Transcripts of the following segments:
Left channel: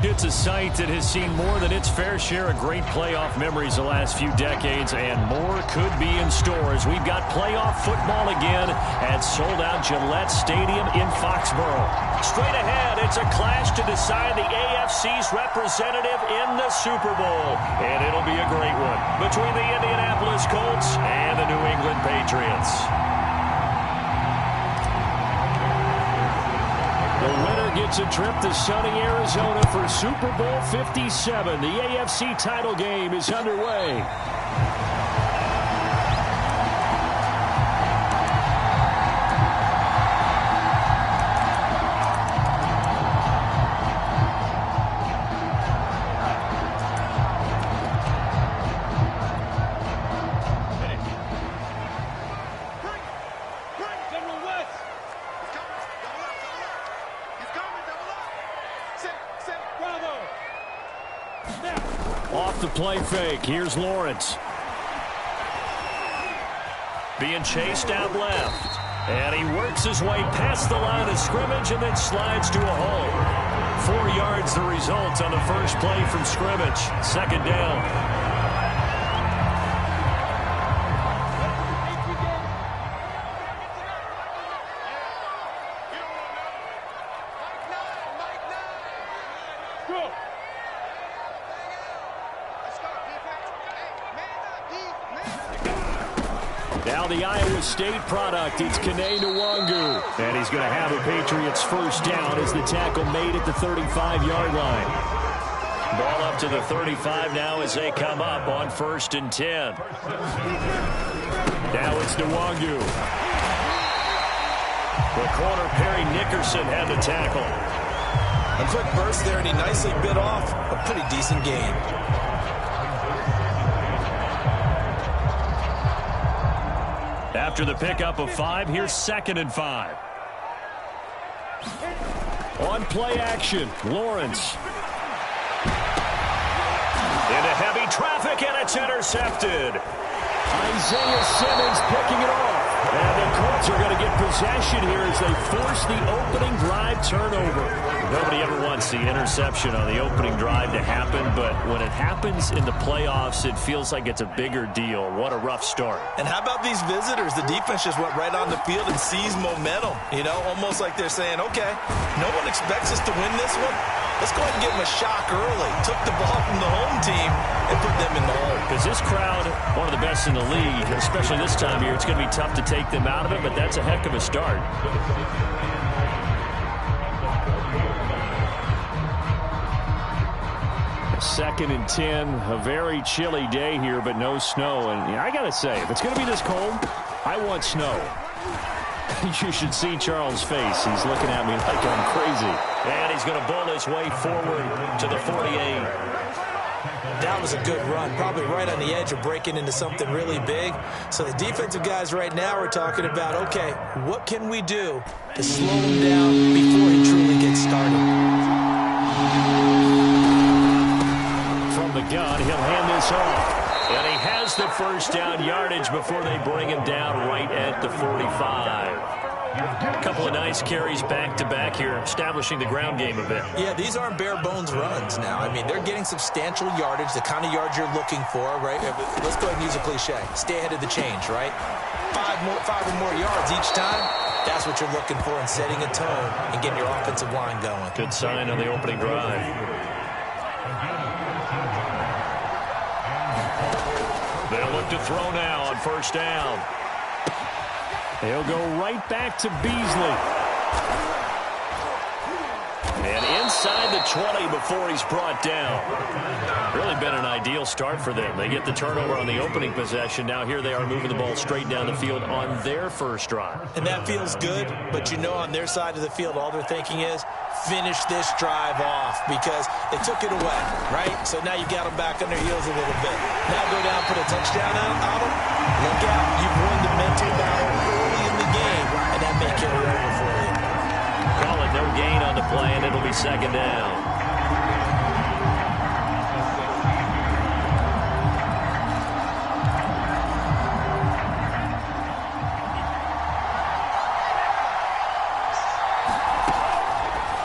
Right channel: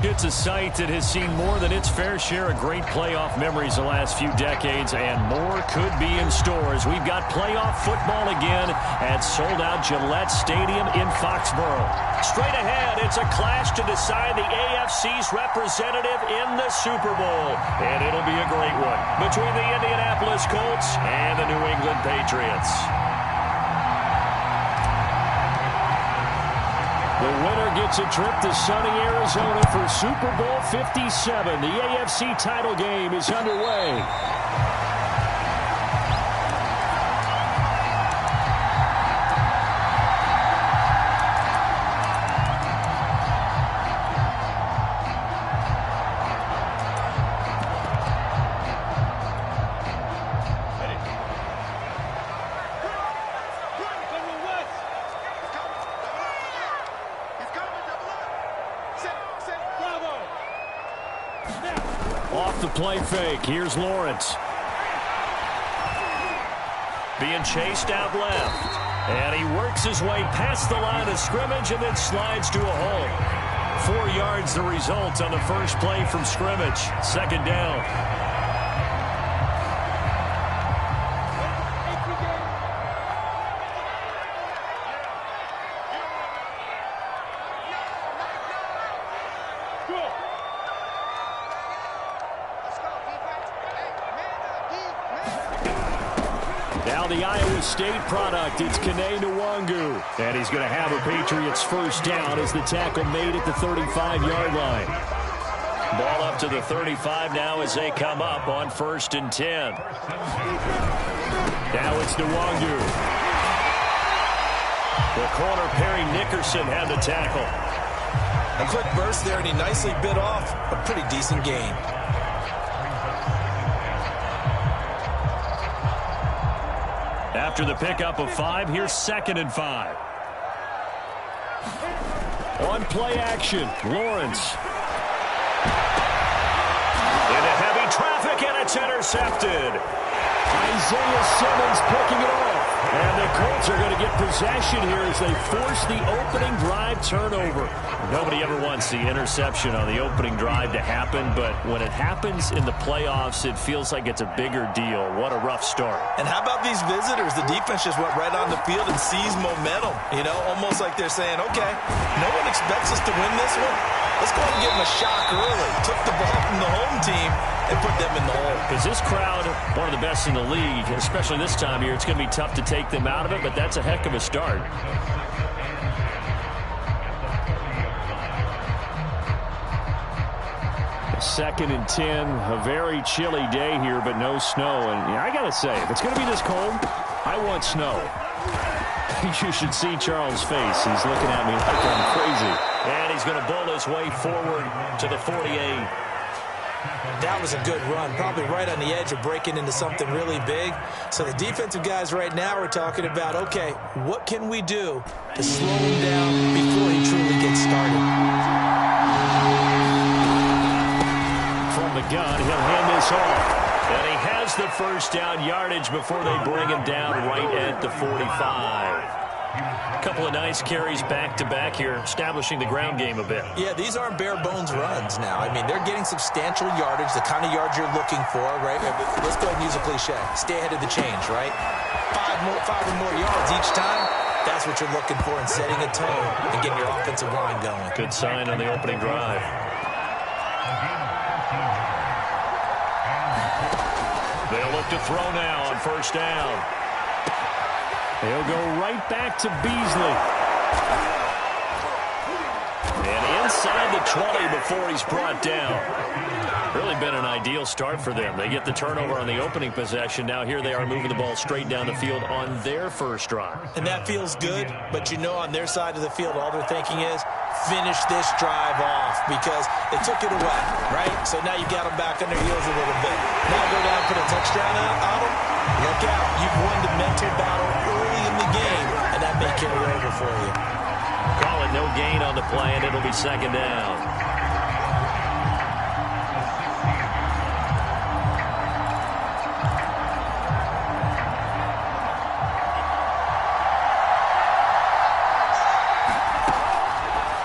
It's a site that has seen more than its fair share of great playoff memories the last few decades, and more could be in store as we've got playoff football again at sold-out Gillette Stadium in Foxborough. Straight ahead, it's a clash to decide the AFC's representative in the Super Bowl, and it'll be a great one between the Indianapolis Colts and the New England Patriots. The winner gets a trip to sunny Arizona for Super Bowl 57. The AFC title game is underway. Off the play fake. Here's Lawrence. Being chased out left. And he works his way past the line of scrimmage and then slides to a hole. 4 yards the result on the first play from scrimmage. Second down. Now the Iowa State product, it's Kene Nwangu. And he's going to have a Patriots first down as the tackle made at the 35-yard line. Ball up to the 35 now as they come up on 1st and 10. Now it's Nwangu. The corner, Perry Nickerson, had the tackle. A quick burst there, and he nicely bit off a pretty decent gain. After the pickup of 5, here's 2nd and 5. On play action, Lawrence. Into heavy traffic, and it's intercepted. Isaiah Simmons picking it off. And the Colts are going to get possession here as they force the opening drive turnover. Nobody ever wants the interception on the opening drive to happen, but when it happens in the playoffs, it feels like it's a bigger deal. What a rough start. And how about these visitors? The defense just went right on the field and seized momentum. You know, almost like they're saying, okay, no one expects us to win this one. Let's go ahead and give them a shock early. Took the ball from the home team and put them in the hole. Because this crowd, one of the best in the league, especially this time of year, it's going to be tough to take them out of it, but that's a heck of a start. Second and 10, a very chilly day here, but no snow. And I got to say, if it's going to be this cold, I want snow. You should see Charles' face. He's looking at me like I'm crazy. And he's going to bull his way forward to the 48. That was a good run, probably right on the edge of breaking into something really big. So the defensive guys right now are talking about, okay, what can we do to slow him down before he truly gets started? From the gun, he'll hand this off. And he has the first down yardage before they bring him down right at the 45. A couple of nice carries back-to-back here, establishing the ground game a bit. Yeah, these aren't bare-bones runs now. I mean, they're getting substantial yardage, the kind of yards you're looking for, right? Let's go ahead and use a cliche. Stay ahead of the change, right? Five or more yards each time. That's what you're looking for in setting a tone and getting your offensive line going. Good sign on the opening drive. They'll look to throw now on first down. He'll go right back to Beasley. And inside the 20 before he's brought down. Really been an ideal start for them. They get the turnover on the opening possession. Now here they are moving the ball straight down the field on their first drive. And that feels good, but you know on their side of the field all they're thinking is finish this drive off because they took it away, right? So now you got them back on their heels a little bit. Now go down, put a touchdown on them. Look out. You've won the mental battle early in the game, and that may carry over for you. Call it no gain on the play, and it'll be second down.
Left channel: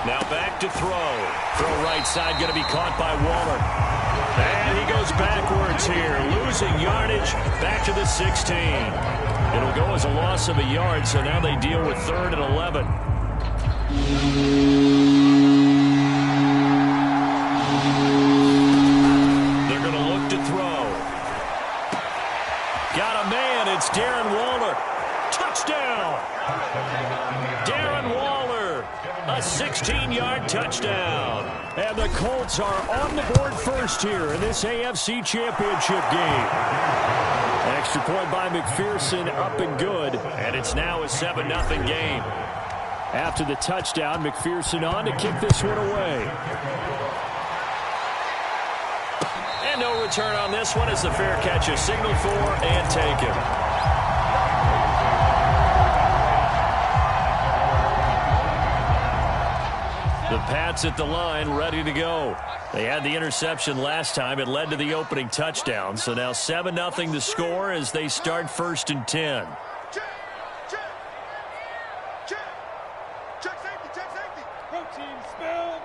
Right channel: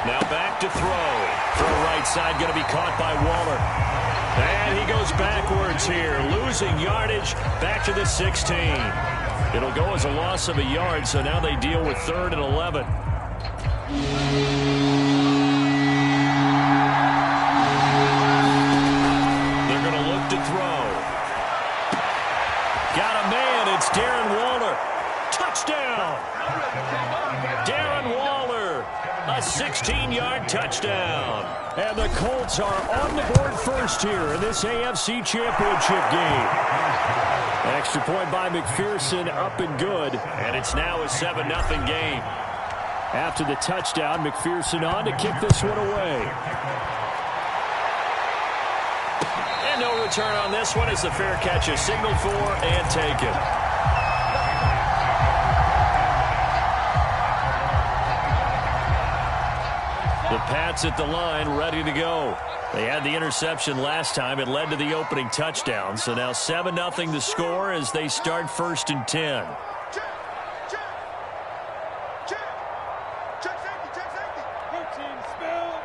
Now back to throw. Throw right right side, going to be caught by Waller. And he goes backwards here, losing yardage back to the 16. It'll go as a loss of a yard, so now they deal with 3rd and 11. They're going to look to throw. Got a man. It's Darren Waller. Touchdown. Darren Waller, a 16-yard touchdown. And the Colts are on the board first here in this AFC Championship game. An extra point by McPherson, up and good. And it's now a 7-0 game. After the touchdown, McPherson on to kick this one away. And no return on this one as the fair catch is signaled for and taken. The Pats at the line, ready to go. They had the interception last time. It led to the opening touchdown. So now 7-0 the score as they start 1st and 10. Check safety. Routine spell.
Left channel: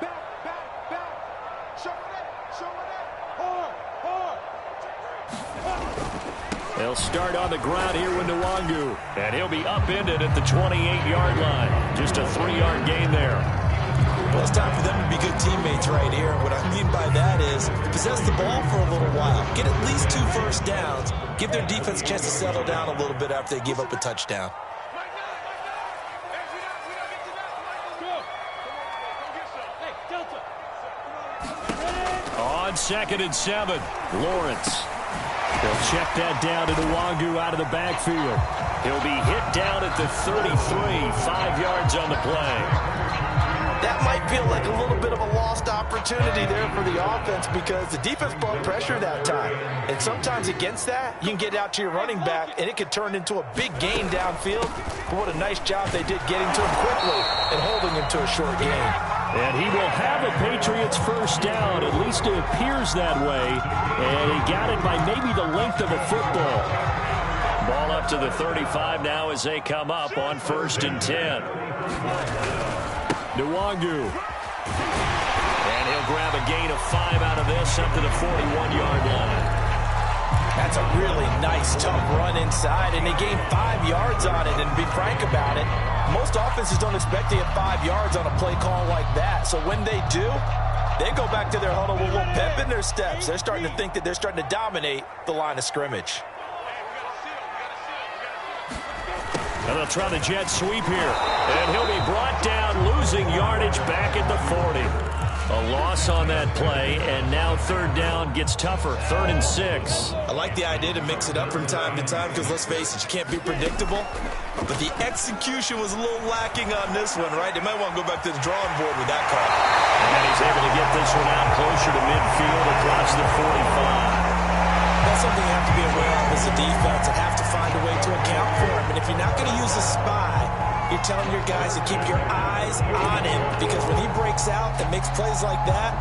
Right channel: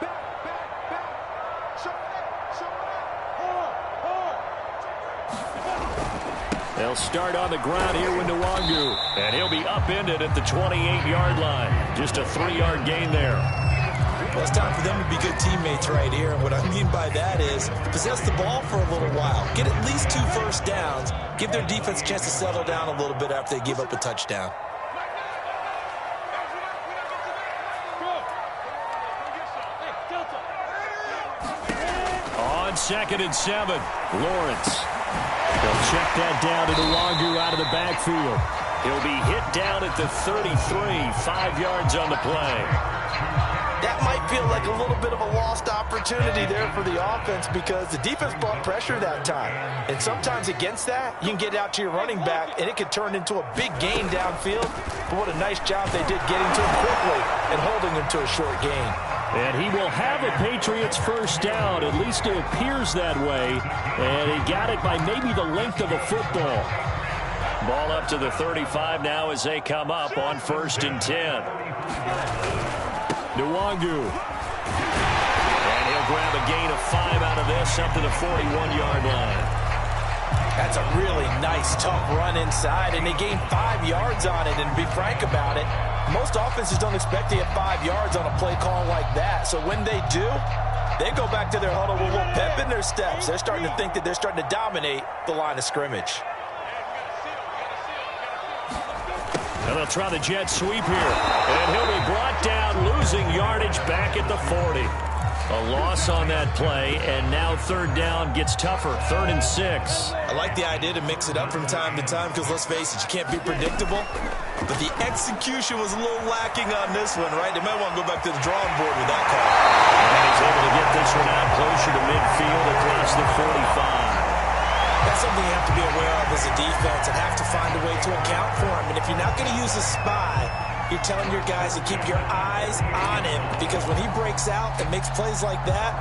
Back. Show it. Hard. They'll start on the ground here with Nwangu. And he'll be upended at the 28-yard line. Just a 3-yard gain there. Well, it's time for them to be good teammates right here. And what I mean by that is possess the ball for a little while. Get at least 2 first downs. Give their defense a chance to settle down a little bit after they give up a touchdown. On 2nd and 7, Lawrence. They'll check that down to Nwangu out of the backfield. He'll be hit down at the 33, 5 yards on the play. That might feel like a little bit of a lost opportunity there for the offense because the defense brought pressure that time. And sometimes against that, you can get out to your running back, and it could turn into a big gain downfield. But what a nice job they did getting to him quickly and holding him to a short gain. And he will have a Patriots first down. At least it appears that way. And he got it by maybe the length of a football. Ball up to the 35 now as they come up on 1st and 10. Nwangu. And he'll grab a gain of 5 out of this up to the 41-yard line. That's a really nice, tough run inside, and they gained 5 yards on it. And to be frank about it, most offenses don't expect to get 5 yards on a play call like that. So when they do, they go back to their huddle with a little pep in their steps. They're starting to think that they're starting to dominate the line of scrimmage. And they'll try the jet sweep here. And he'll be brought down, losing yardage back at the 40. A loss on that play, and now 3rd down gets tougher, 3rd and 6. I like the idea to mix it up from time to time because, let's face it, you can't be predictable. But the execution was a little lacking on this one, right? They might want to go back to the drawing board with that call. And he's able to get this one out closer to midfield across the 45. That's something you have to be aware of as a defense and have to find a way to account for him. And if you're not going to use a spy, you're telling your guys to keep your eyes on him because when he breaks out and makes plays like that,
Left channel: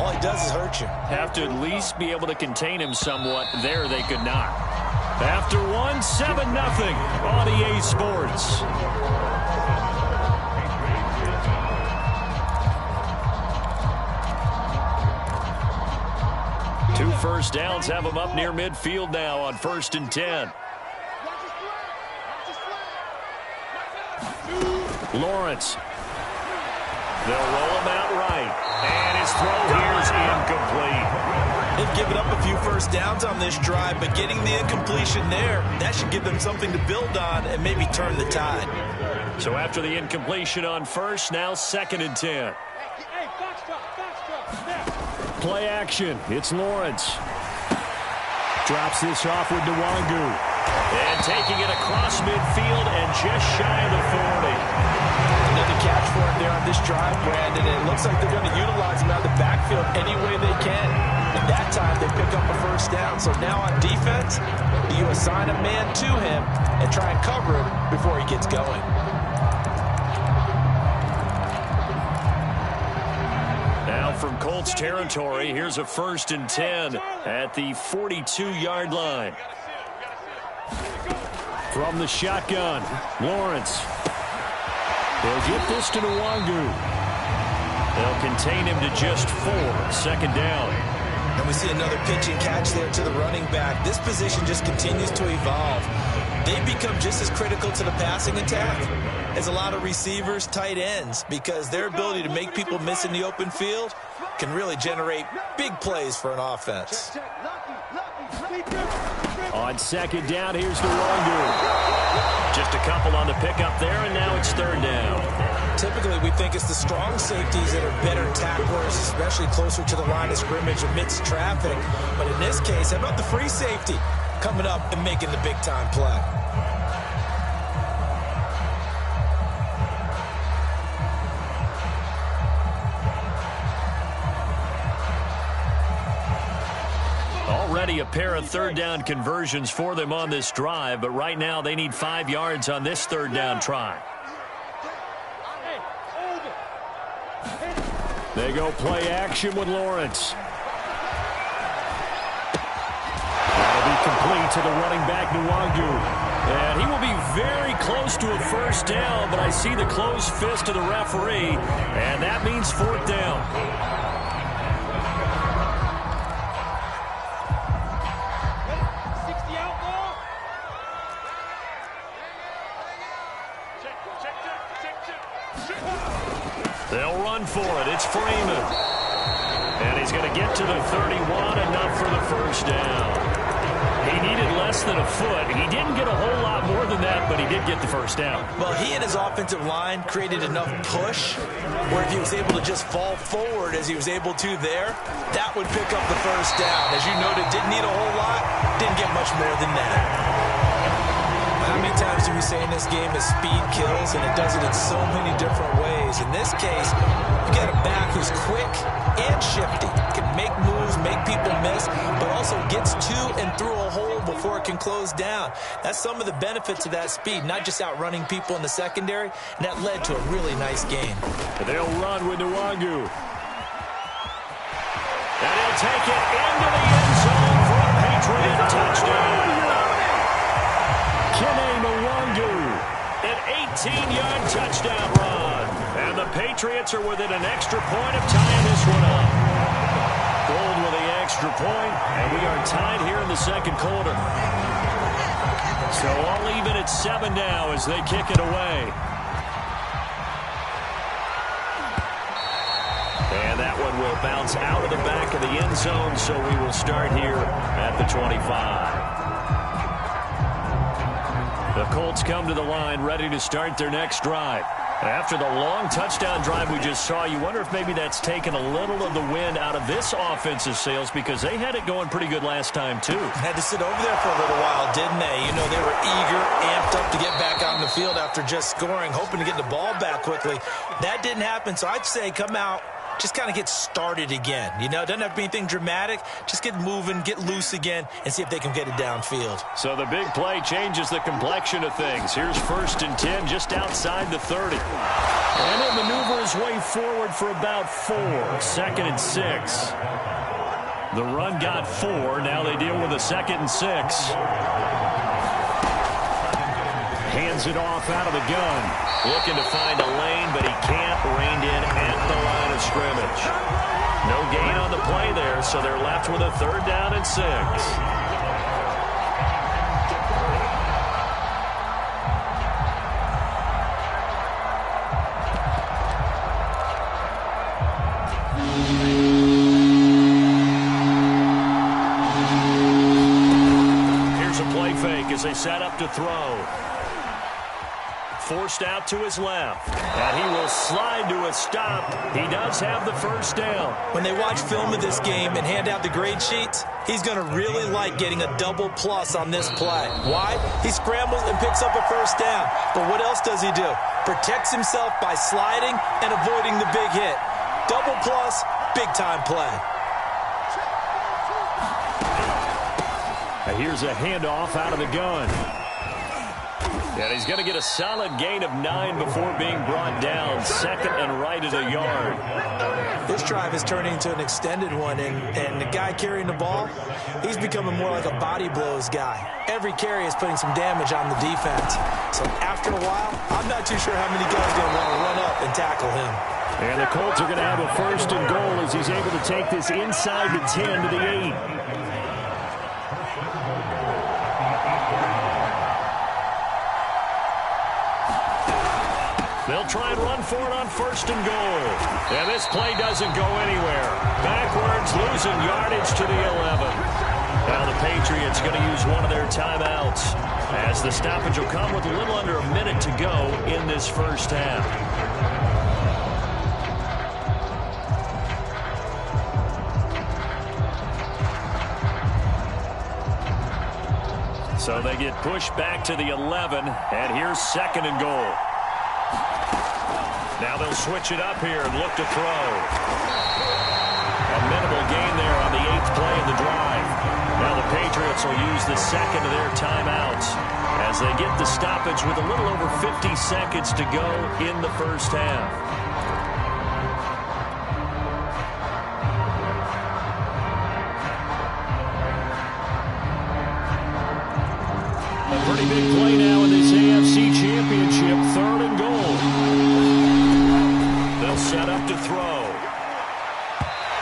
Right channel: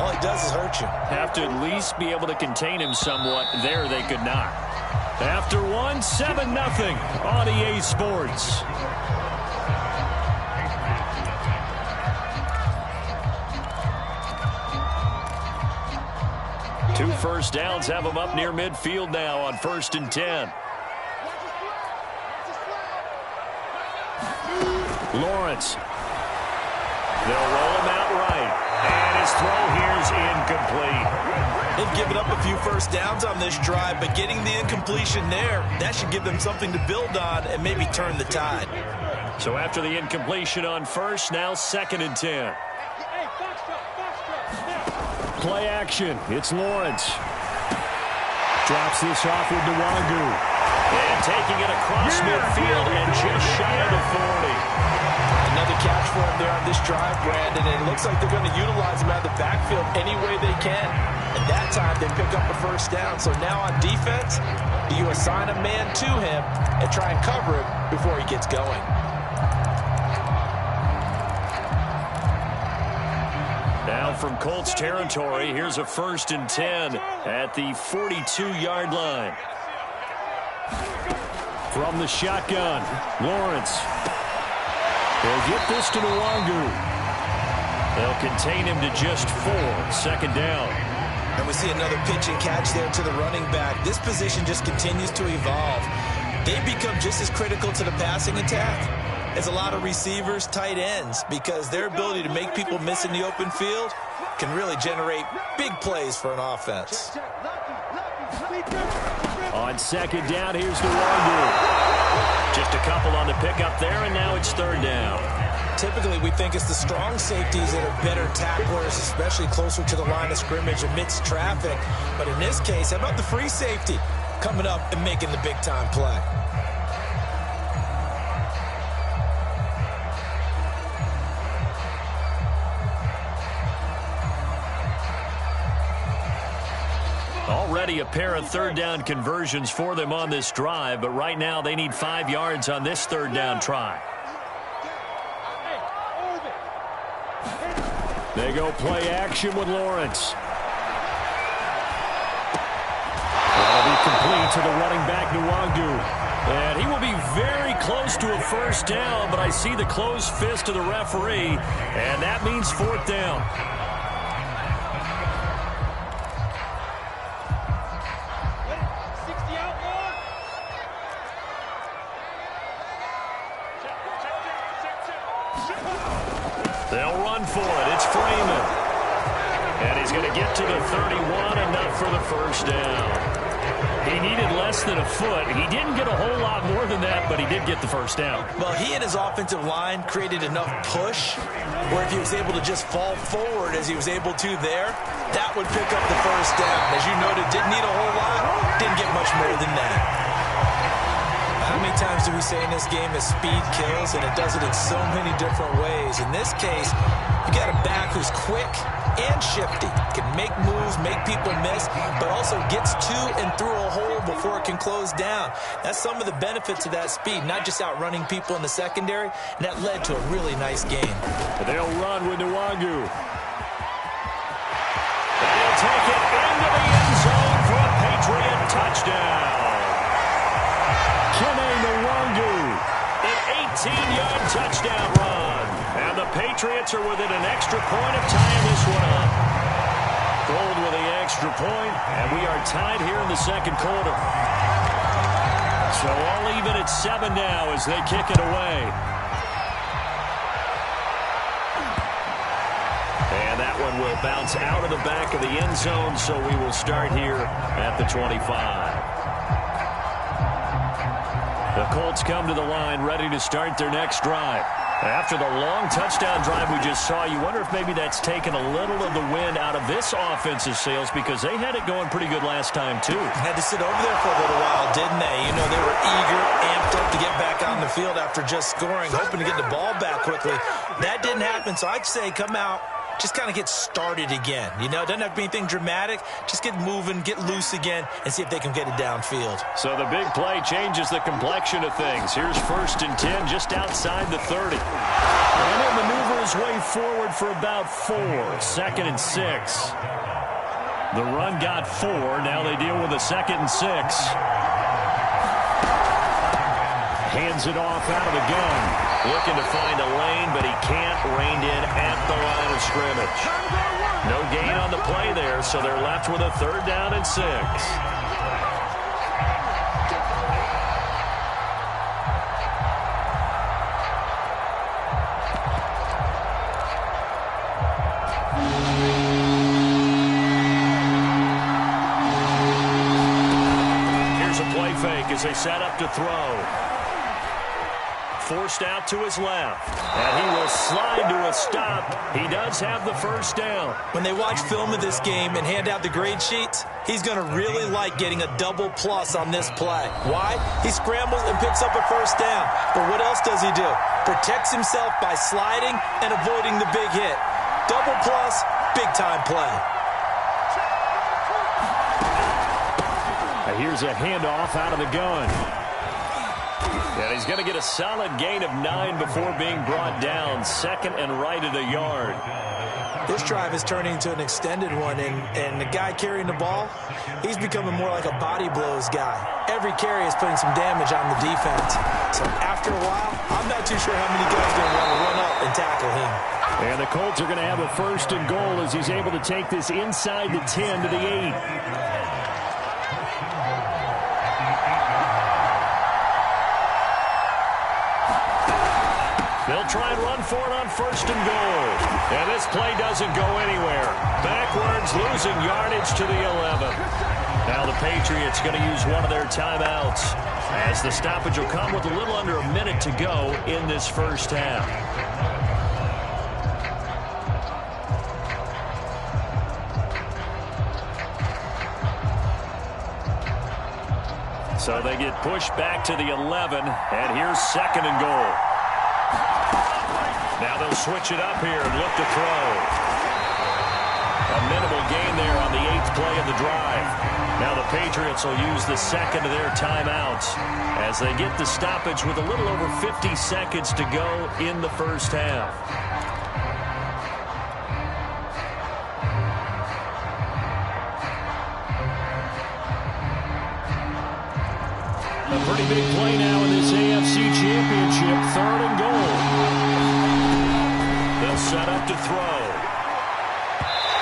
all he does is hurt you. Have to at least be able to contain him somewhat. There they could not. After 1, 7-0 on EA Sports. Two first downs have them up near midfield now on 1st and 10. Lawrence. They'll roll him out right. And his throw here is incomplete. They've given up a few first downs on this drive, but getting the incompletion there, that should give them something to build on and maybe turn the tide. So after the incompletion on 1st, now 2nd and 10. Play action. It's Lawrence. Drops this off with Nwangu. And taking it across midfield and just shy of the 40. Another catch for him there on this drive, Brandon, and it looks like they're going to utilize him out of the backfield any way they can. And that time they pick up a first down. So now on defense, you assign a man to him and try and cover him before he gets going. Now from Colts territory, here's a 1st and 10 at the 42-yard line. From the shotgun, Lawrence. He'll get this to Nwangu. They'll contain him to just 4. 2nd down. And we see another pitch and catch there to the running back. This position just continues to evolve. They become just as critical to the passing attack as a lot of receivers, tight ends, because their ability to make people miss in the open field can really generate big plays for an offense. On 2nd down, here's Nwangu. Just a couple on the pickup there, and now it's 3rd down. Typically, we think it's the strong safeties that are better tacklers, especially closer to the line of scrimmage amidst traffic. But in this case, how about the free safety coming up and making the big-time play? Already a pair of 3rd down conversions for them on this drive, but right now they need 5 yards on this 3rd down try. They go play action with Lawrence. That'll be complete to the running back, Nwangu. And he will be very close to a 1st down, but I see the closed fist of the referee, and that means 4th down. They'll run for it. It's Freeman. And he's going to get to the 31, enough for the 1st down. He needed less than a foot. He didn't get a whole lot more than that, but he did get the 1st down. Well, he and his offensive line created enough push where if he was able to just fall forward as he was able to there, that would pick up the 1st down. As you noted, didn't need a whole lot, didn't get much more than that. How many times do we say in this game that speed kills, and it does it in so many different ways? In this case, you got a back who's quick and shifty, can make moves, make people miss, but also gets to and through a hole before it can close down. That's some of the benefits of that speed, not just outrunning people in the secondary, and that led to a really nice game. They'll run with Nwangu. And he'll take it into the end zone for a Patriot touchdown. Kene Nwangu, an 18-yard touchdown run. And the Patriots are within an extra point of tying this one up. Gold with the extra point, and we are tied here in the 2nd quarter. So all even at 7 now as they kick it away. And that one will bounce out of the back of the end zone, so we will start here at the 25. The Colts come to the line ready to start their next drive. After the long touchdown drive we just saw, you wonder if maybe that's taken a little of the wind out of this offensive sails, because they had it going pretty good last time, too. Had to sit over there for a little while, didn't they? You know, they were eager, amped up to get back out on the field after just scoring, hoping to get the ball back quickly. That didn't happen, so I'd say come out, just kind of get started again. You know, it doesn't have to be anything dramatic. Just get moving, get loose again, and see if they can get it downfield. So the big play changes the complexion of things. Here's 1st and 10 just outside the 30. And he'll maneuver his way forward for about 4. 2nd and 6. The run got 4. Now they deal with a 2nd and 6. Hands it off out of the gun. Looking to find a lane, but he can't. Reined in at the line of scrimmage. No gain on the play there, so they're left with a 3rd down and 6. Here's a play fake as they set up to throw. Forced out to his left, and he will slide to a stop. He does have the 1st down. When they watch film of this game and hand out the grade sheets, he's going to really like getting a double plus on this play. Why? He scrambles and picks up a 1st down. But what else does he do? Protects himself by sliding and avoiding the big hit. Double plus, big-time play. Here's a handoff out of the gun. And he's going to get a solid gain of 9 before being brought down. 2nd and right at a yard. This drive is turning into an extended one, and the guy carrying the ball, he's becoming more like a body blows guy. Every carry is putting some damage on the defense. So after a while, I'm not too sure how many guys are going to want to run up and tackle him. And the Colts are going to have a 1st and goal as he's able to take this inside the 10 to the 8. They'll try and run for it on 1st and goal. And this play doesn't go anywhere. Backwards, losing yardage to the 11. Now the Patriots going to use one of their timeouts, as the stoppage will come with a little under a minute to go in this first half. So they get pushed back to the 11, and here's 2nd and goal. Now they'll switch it up here and look to throw. A minimal gain there on the 8th play of the drive. Now the Patriots will use the 2nd of their timeouts as they get the stoppage with a little over 50 seconds to go in the first half. A pretty big play now in this AFC Championship. 3rd and goal. They'll set up to throw.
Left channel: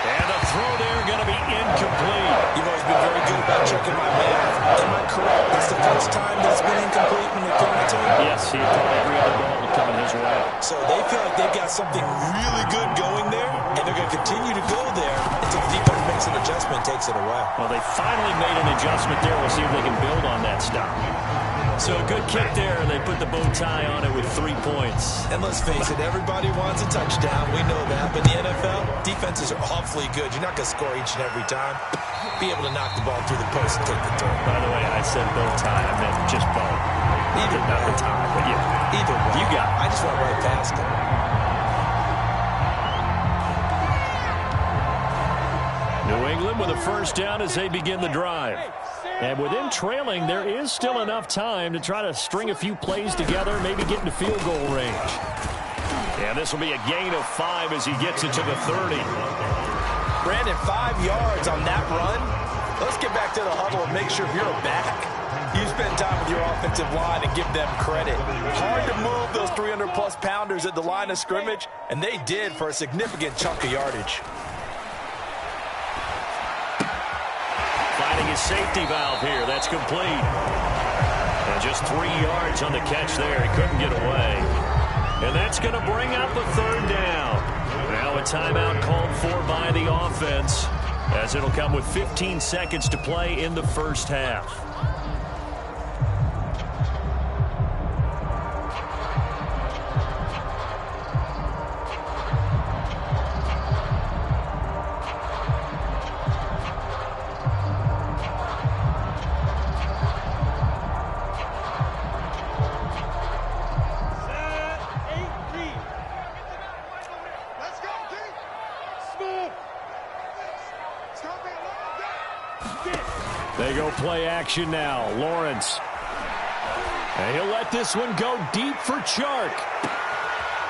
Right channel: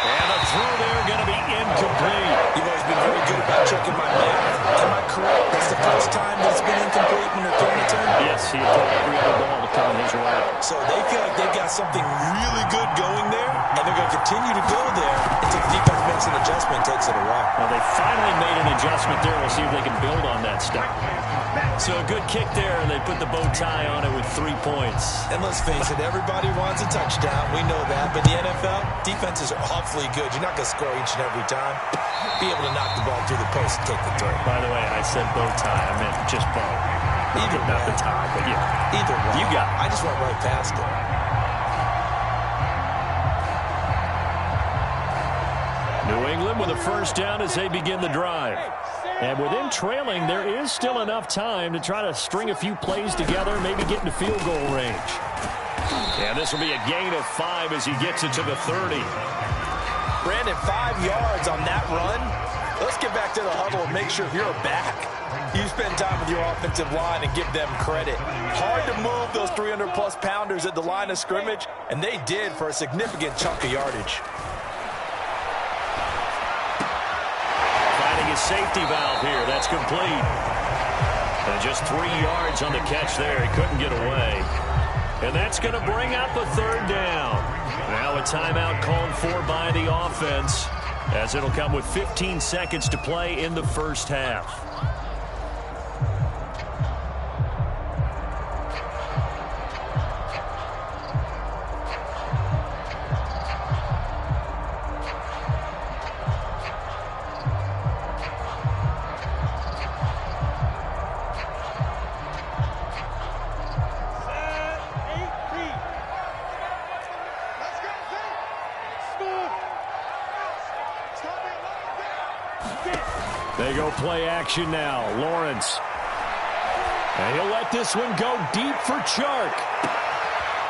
And the throw there going to be incomplete. You've always been very good about checking my math. Am I correct? That's the first time that it's been incomplete when they're throwing it to him? Yes, he had caught every other ball to come in his way. So they feel like they've got something really good going there, and they're going to continue to go there until the defense makes an adjustment and takes it away. Well, they finally made an adjustment there. We'll see if they can build on that stop. So a good kick there, and they put the bow tie on it with 3 points. And let's face it, everybody wants a touchdown. We know that. But the NFL, defenses are awfully good. You're not going to score each and every time. Be able to knock the ball through the post and take the throw. By the way, I said bow tie. I meant just bow. Not the tie, but yeah. Either way. You got it. I just went right past it. New England with a 1st down as they begin the drive. And with them trailing, there is still enough time to try to string a few plays together, maybe get into field goal range. And this will be a gain of 5 as he gets it to the 30. Brandon, 5 yards on that run. Let's get back to the huddle and make sure if you're a back, you spend time with your offensive line and give them credit. Hard to move those 300-plus pounders at the line of scrimmage, and they did for a significant chunk of yardage. Finding his safety valve here. That's complete. And just 3 yards on the catch there. He couldn't get away. And that's going to bring up a 3rd down. Now a timeout called for by the offense, as it'll come with 15 seconds to play in the first half. They go play action now. Lawrence. And he'll let this one go deep for Chark.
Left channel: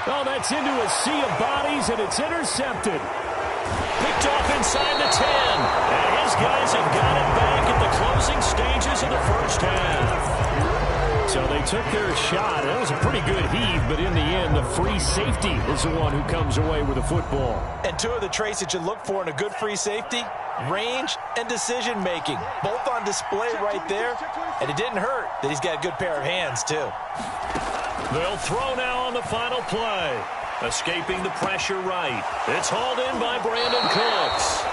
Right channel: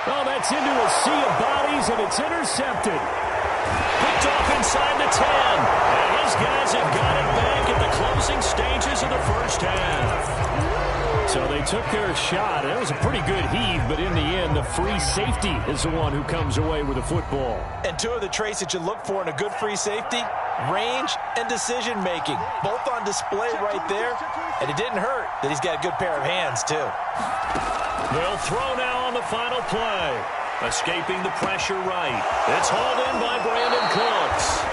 Oh, that's into a sea of bodies, and it's intercepted. Picked off inside the 10. And his guys have got it back at the closing stages of the first half. So they took their shot. It was a pretty good heave, but in the end, the free safety is the one who comes away with the football. And 2 of the traits that you look for in a good free safety, range and decision-making, both on display right there. And it didn't hurt that he's got a good pair of hands, too. They'll throw now on the final play. Escaping the pressure right. It's hauled in by Brandon Cooks.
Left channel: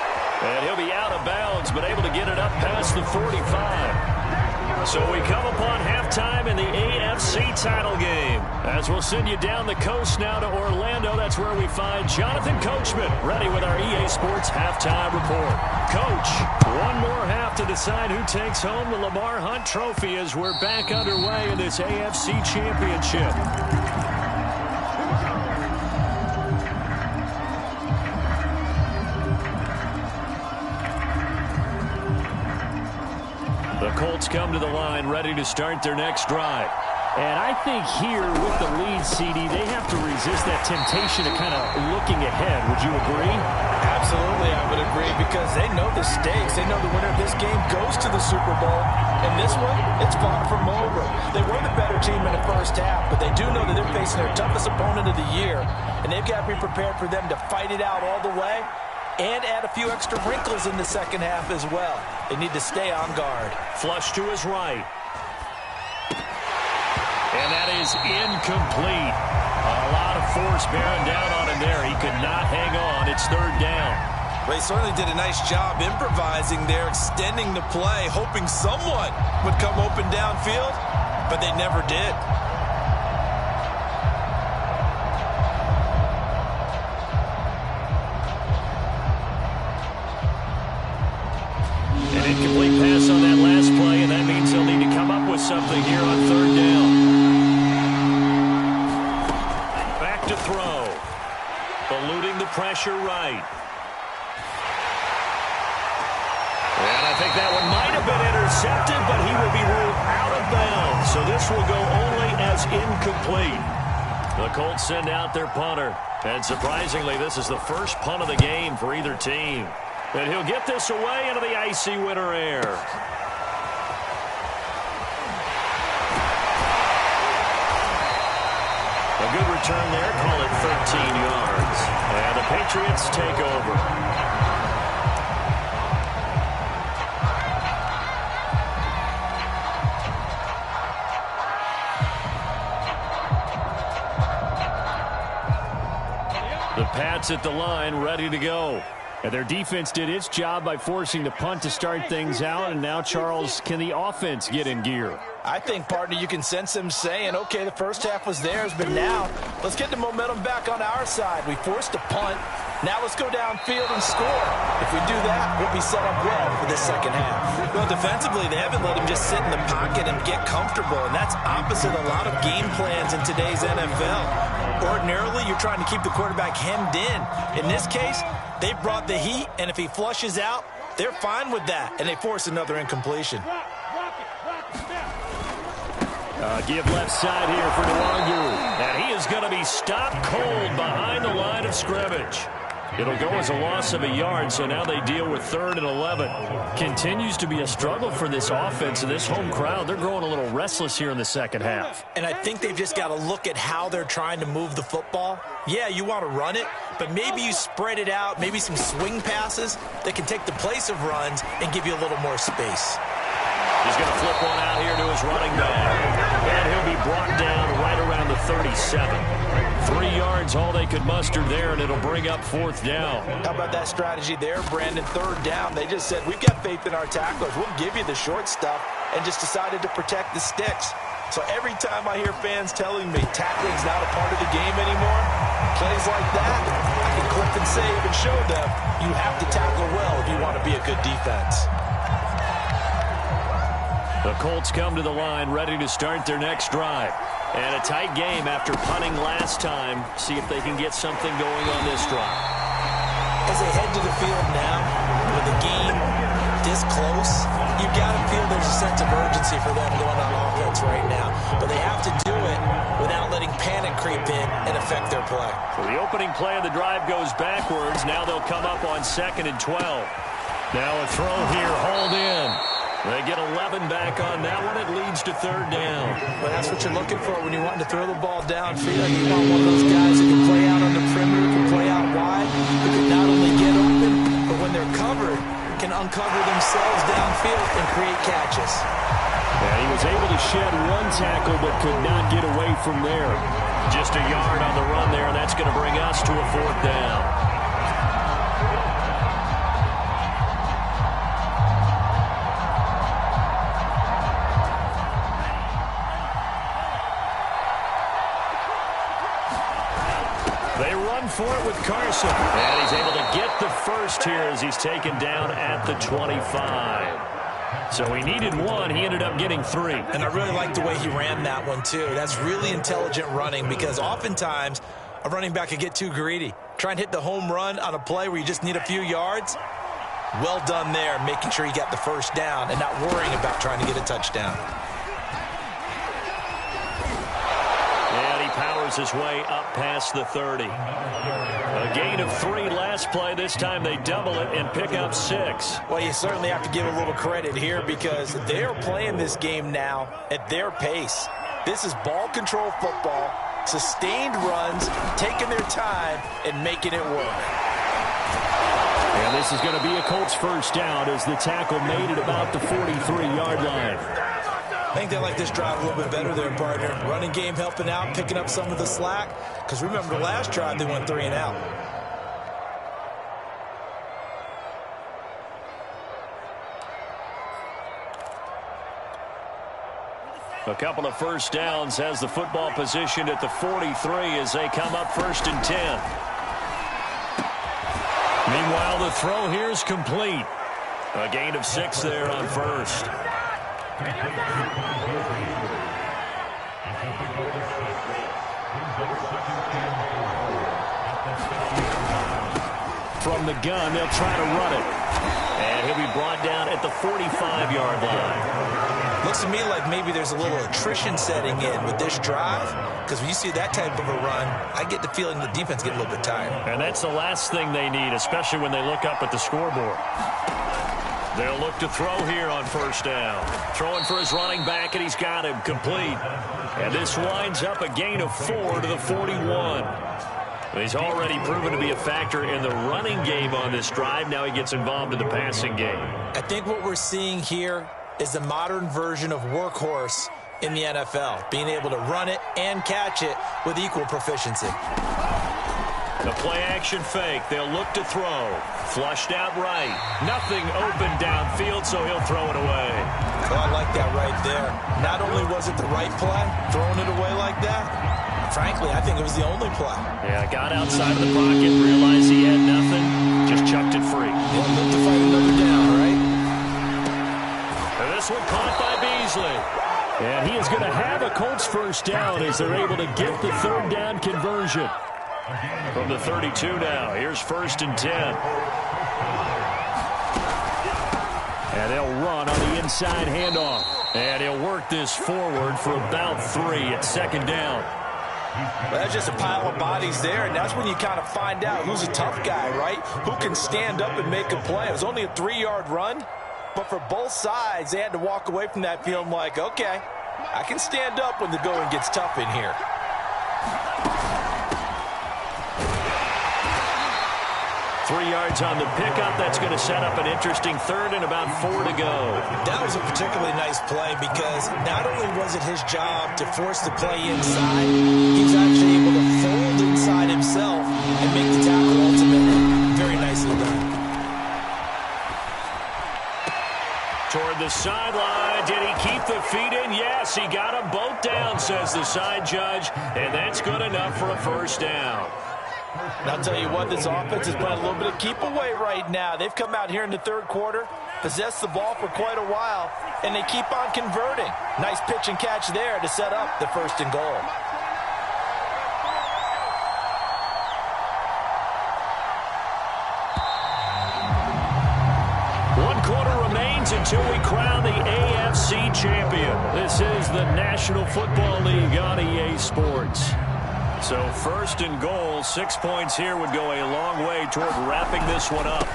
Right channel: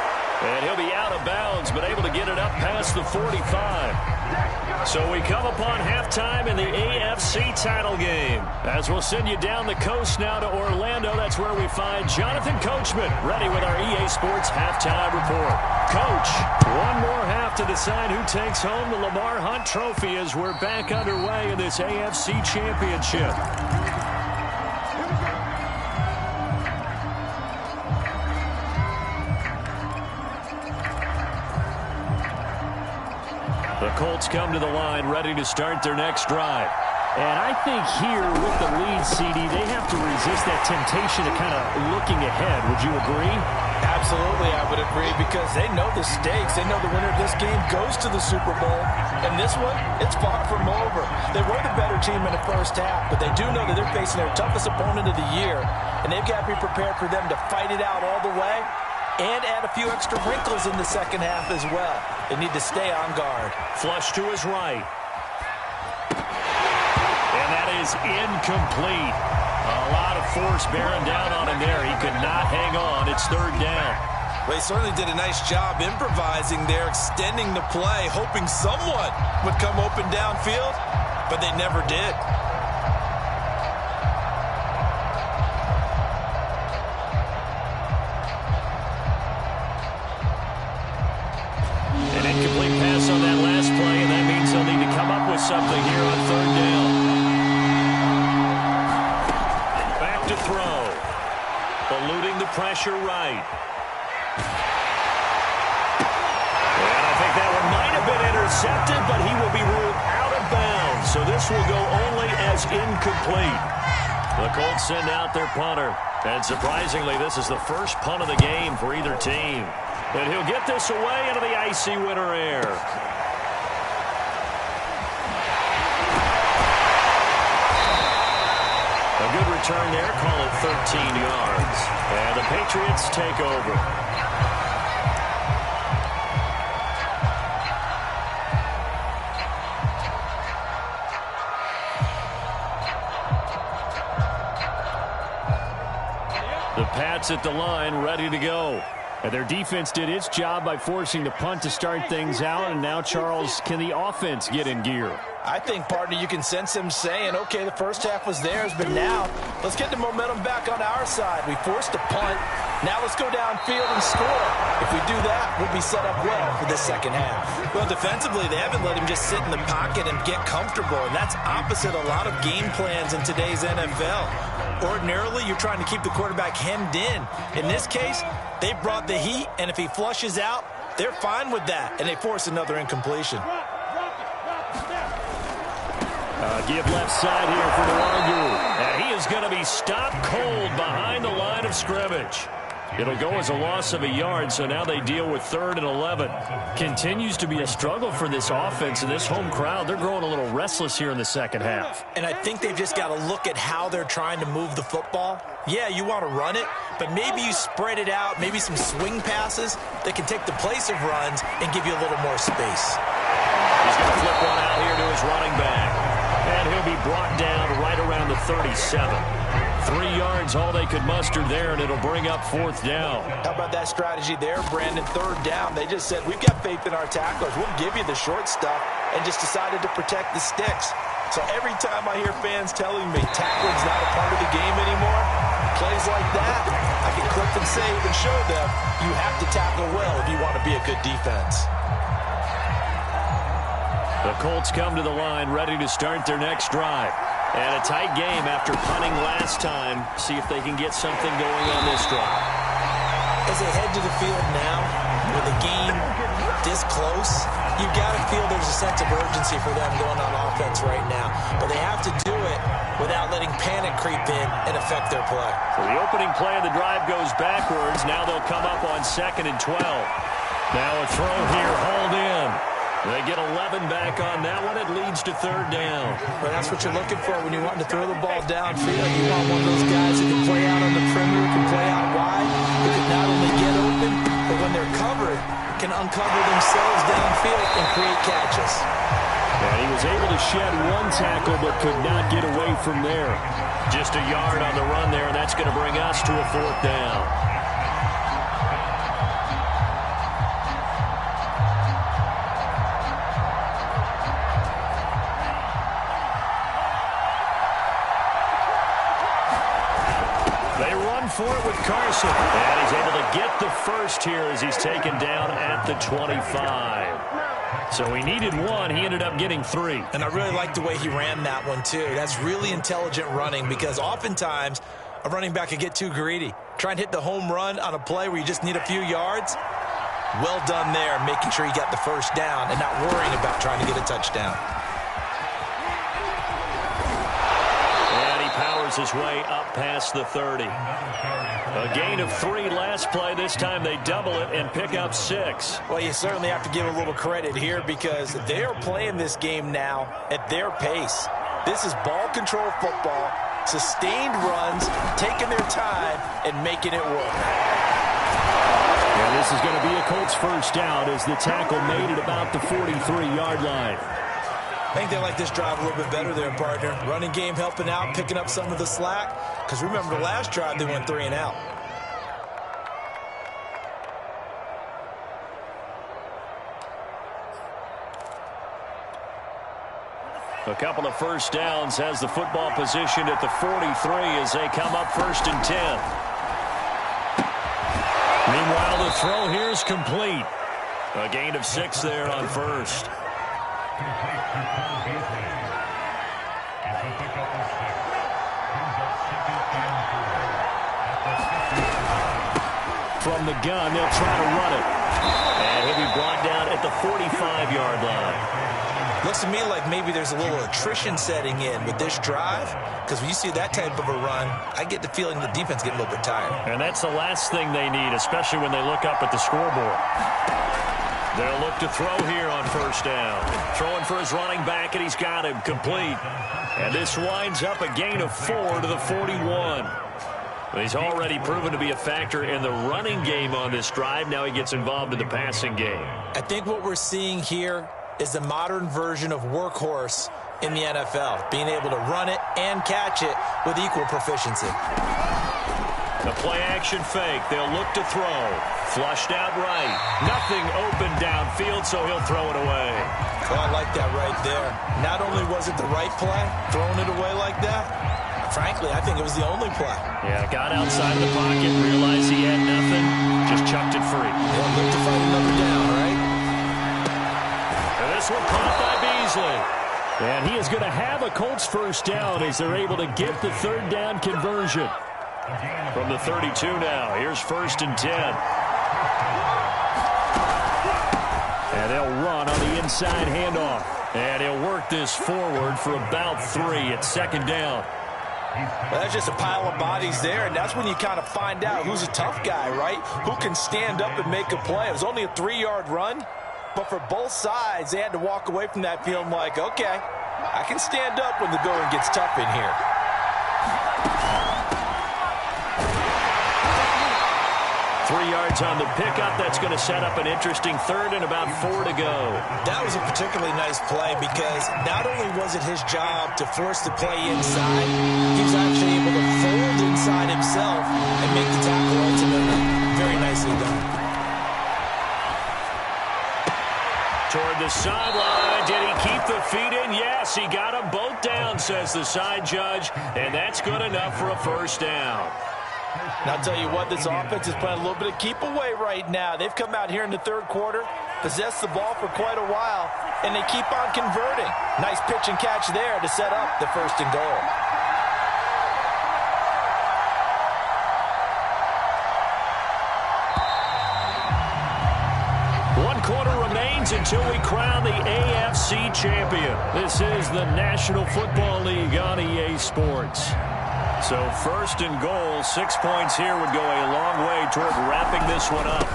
And he'll be out of bounds, but able to get it up past the 45. So we come upon halftime in the AFC title game. As we'll send you down the coast now to Orlando, that's where we find Jonathan Coachman ready with our EA Sports halftime report. Coach, one more half to decide who takes home the Lamar Hunt Trophy as we're back underway in this AFC Championship. The Colts come to the line ready to start their next drive. And I think here with the lead, CD, they have to resist that temptation of kind of looking ahead. Would you agree? Absolutely, I would agree, because they know the stakes. They know the winner of this game goes to the Super Bowl. And this one, it's far from over. They were the better team in the first half, but they do know that they're facing their toughest opponent of the year. And they've got to be prepared for them to fight it out all the way and add a few extra wrinkles in the second half as well. They need to stay on guard. Flush to his right. And that is incomplete. A lot of force bearing down on him there. He could not hang on. It's third down. Well, he certainly did a nice job improvising there, extending the play, hoping someone would come open downfield, but they never did. An incomplete pass on that last play, and that means they'll need to come up with something here on third down. Back to throw. Eluding the pressure right. And I think that one might have been intercepted, but he will be ruled out of bounds. So this will go only as incomplete. The Colts send out their punter. And surprisingly, this is the first punt of the game for either team. And he'll get this away into the icy winter air. A good return there. Call it 13 yards. And the Patriots take over. The Pats at the line, ready to go. And their defense did its job by forcing the punt to start things out. And now, Charles, can the offense get in gear? I think, partner, you can sense them saying, okay, the first half was theirs, but now let's get the momentum back on our side. We forced a punt. Now let's go downfield and score. If we do that, we'll be set up well for this second half. Well, defensively, they haven't let him just sit in the pocket and get comfortable, and that's opposite a lot of game plans in today's NFL. Ordinarily, you're trying to keep the quarterback hemmed in. In this case, they brought the heat, and if he flushes out, they're fine with that, and they force another incompletion. Give left side here for Nwangu. And he is going to be stopped cold behind the line of scrimmage. It'll go as a loss of a yard, so now they deal with 3rd and 11. Continues to be a struggle for this offense and this home crowd. They're growing a little restless here in the second half. And I think they've just got to look at how they're trying to move the football. Yeah, you want to run it, but maybe you spread it out, maybe some swing passes that can take the place of runs and give you a little more space. He's going to flip one out here to his running back. And he'll be brought down right around the 37. 3 yards, all they could muster there, and it'll bring up 4th down. How about that strategy there, Brandon? 3rd down. They just said, we've got faith in our tacklers. We'll give you the short stuff, and just decided to protect the sticks. So every time I hear fans telling me tackling's not a part of the game anymore, plays like that, I can clip and save and show them you have to tackle well if you want to be a good defense. The Colts come to the line ready to start their next drive. And a tight game after punting last time. See if they can get something going on this drive. As they head to the field now, with the game this close, you've got to feel there's a sense of urgency for them going on offense right now. But they have to do it without letting panic creep in and affect their play. So the opening play of the drive goes backwards. Now they'll come up on 2nd and 12. Now a throw here, hauled in. They get 11 back on that one. It leads to 3rd down. Well, that's what you're looking for when you're wanting to throw the ball downfield. You want one of those guys who can play out on the perimeter, can play out wide, who can not only get open, but when they're covered, can uncover themselves downfield and create catches. And he was able to shed one tackle, but could not get away from there. Just a yard on the run there, and that's going to bring us to a 4th down. For it with Carson. And he's able to get the first here as he's taken down at the 25. So he needed 1. He ended up getting 3. And I really like the way he ran that one, too. That's really intelligent running, because oftentimes a running back can get too greedy. Try and hit the home run on a play where you just need a few yards. Well done there, making sure he got the first down and not worrying about trying to get a touchdown. powers his way up past the 30. A gain of 3 last play. This time they double it and pick up 6. Well, you certainly have to give a little credit here because they are playing this game now at their pace. This is ball control football, sustained runs, taking their time, and making it work. And this is going to be a Colts first down as the tackle made it about the 43-yard line. I think they like this drive a little bit better there, partner. Running game helping out, picking up some of the slack. Because remember, the last drive, they went 3 and out. A couple of first downs has the football position at the 43 as they come up 1st and 10. Meanwhile, the throw here is complete. A gain of 6 there on 1st. From the gun, they'll try to run it. And he'll be brought down at the 45-yard line. Looks to me like maybe there's a little attrition setting in with this drive, because when you see that type of a run, I get the feeling the defense getting a little bit tired. And that's the last thing they need, especially when they look up at the scoreboard. They'll look to throw here on 1st down. Throwing for his running back, and he's got him complete. And this winds up a gain of 4 to the 41. He's already proven to be a factor in the running game on this drive. Now he gets involved in the passing game. I think what we're seeing here is the modern version of workhorse in the NFL, being able to run it and catch it with equal proficiency. The play-action fake. They'll look to throw. Flushed out right. Nothing open downfield, so he'll throw it away. Oh, I like that right there. Not only was it the right play, throwing it away like that, frankly, I think it was the only play. Yeah, got outside of the pocket, realized he had nothing, just chucked it free. Yeah, live to fight another down, right? And this one caught by Beasley. And he is going to have a Colts first down as they're able to get the 3rd down conversion. From the 32 now, here's 1st and 10. And they'll run on the inside handoff. And he'll work this forward for about 3 at 2nd down. Well, that's just a pile of bodies there, and that's when you kind of find out who's a tough guy, right? Who can stand up and make a play. It was only a 3-yard run, but for both sides, they had to walk away from that feeling like, okay, I can stand up when the going gets tough in here. 3 yards on the pickup. That's going to set up an interesting 3rd and about 4 to go. That was a particularly nice play because not only was it his job to force the play inside, he was actually able to fold inside himself and make the tackle ultimately. Very nicely done. Toward the sideline. Did he keep the feet in? Yes, he got them both down, says the side judge, and that's good enough for a first down. And I'll tell you what, this offense is playing a little bit of keep away right now. They've come out here in the 3rd quarter, possessed the ball for quite a while, and they keep on converting. Nice pitch and catch there to set up the 1st and goal. One quarter remains until we crown the AFC champion. This is the National Football League on EA Sports. So 1st and goal, 6 points here would go a long way toward wrapping this one up.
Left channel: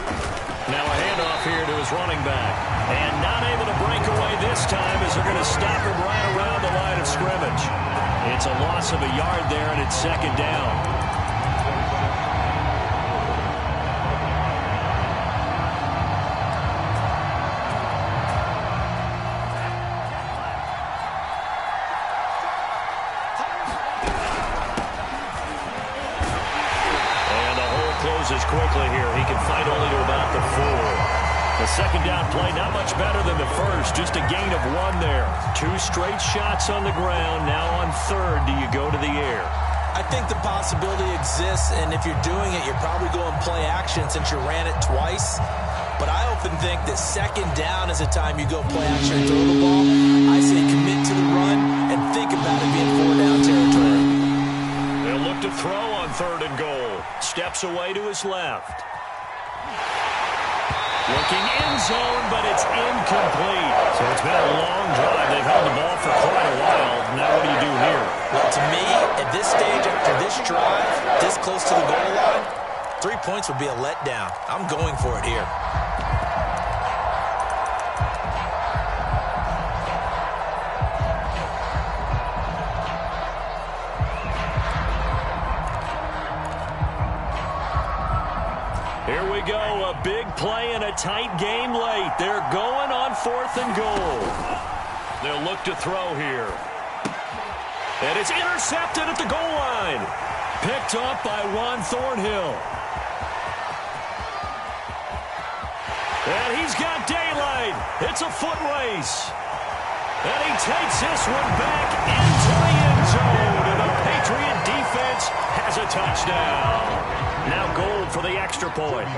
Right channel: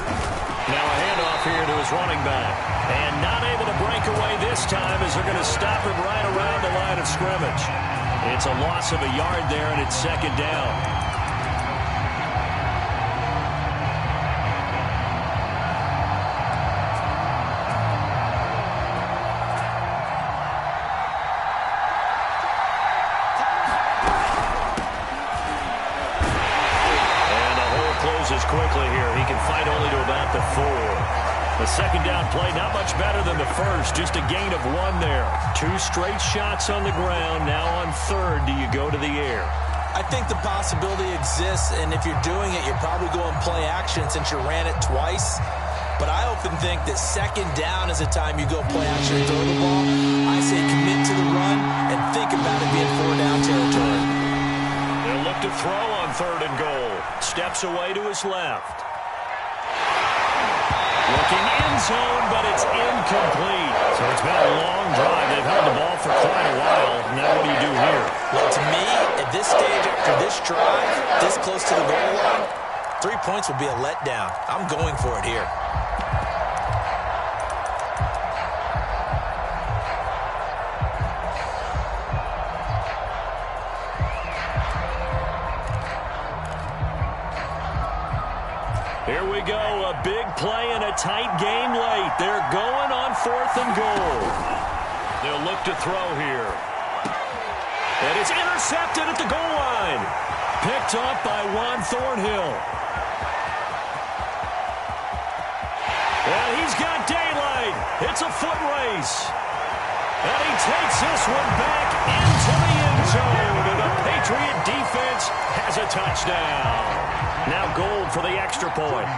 Now a handoff here to his running back. And not able to break away this time as they're going to stop him right around the line of scrimmage. It's a loss of a yard there, and it's 2nd down. Closes quickly here. He can fight only to about the 4. The 2nd down play, not much better than the first. Just a gain of 1 there. 2 straight shots on the ground. Now on 3rd, do you go to the air? I think the possibility exists, and if you're doing it, you're probably going play action since you ran it twice. But I often think that 2nd down is a time you go play action and throw the ball. I say commit to the run and think about it being 4 down territory. They'll look to throw on 3rd and goal. Steps away to his left. Looking end zone, but it's incomplete. So it's been a long drive. They've held the ball for quite a while. Now what do you do here? Well, to me, at this stage, after this drive, this close to the goal line, 3 points would be a letdown. I'm going for it here. Here we go, a big play and a tight game late. They're going on 4th and goal. They'll look to throw here. And it's intercepted at the goal line. Picked up by Juan Thornhill. And he's got daylight. It's a foot race. And he takes this one back into the end zone. And the Patriot defense has a touchdown. Now goal for the extra point.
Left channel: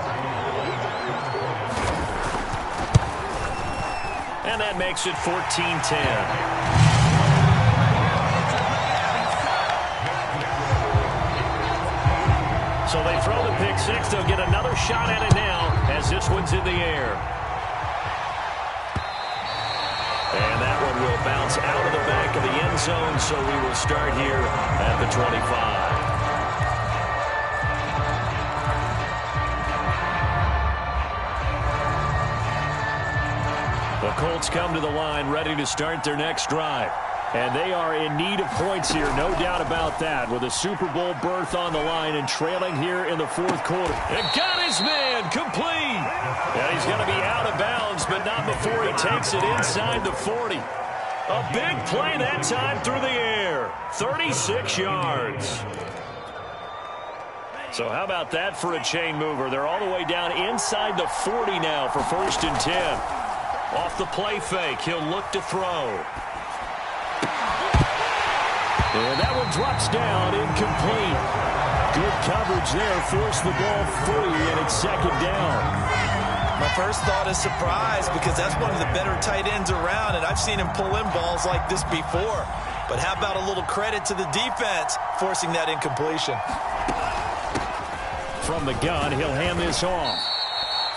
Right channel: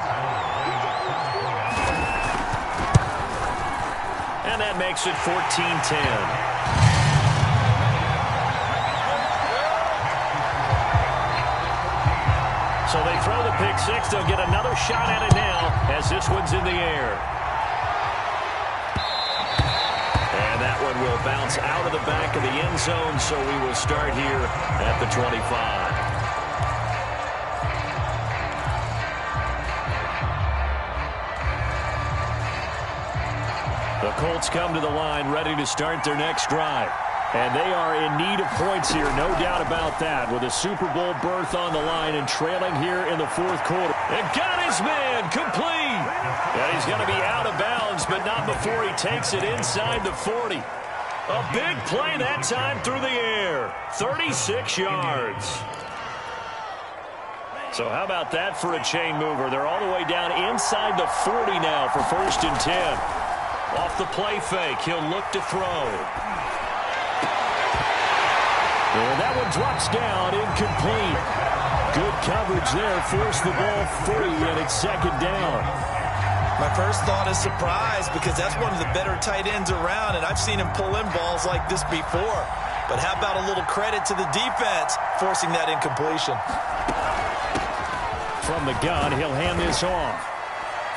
And that makes it 14-10. So they throw the pick six. They'll get another shot at it now as this one's in the air. And that one will bounce out of the back of the end zone, so we will start here at the 25. The Colts come to the line ready to start their next drive. And they are in need of points here, no doubt about that, with a Super Bowl berth on the line and trailing here in the 4th quarter. And got his man complete. And he's going to be out of bounds, but not before he takes it inside the 40. A big play that time through the air. 36 yards. So how about that for a chain mover? They're all the way down inside the 40 now for 1st and 10. Off the play fake, he'll look to throw. And that one drops down, incomplete. Good coverage there, forced the ball free, and it's 2nd down. My first thought is surprise, because that's one of the better tight ends around, and I've seen him pull in balls like this before. But how about a little credit to the defense forcing that incompletion? From the gun, he'll hand this off.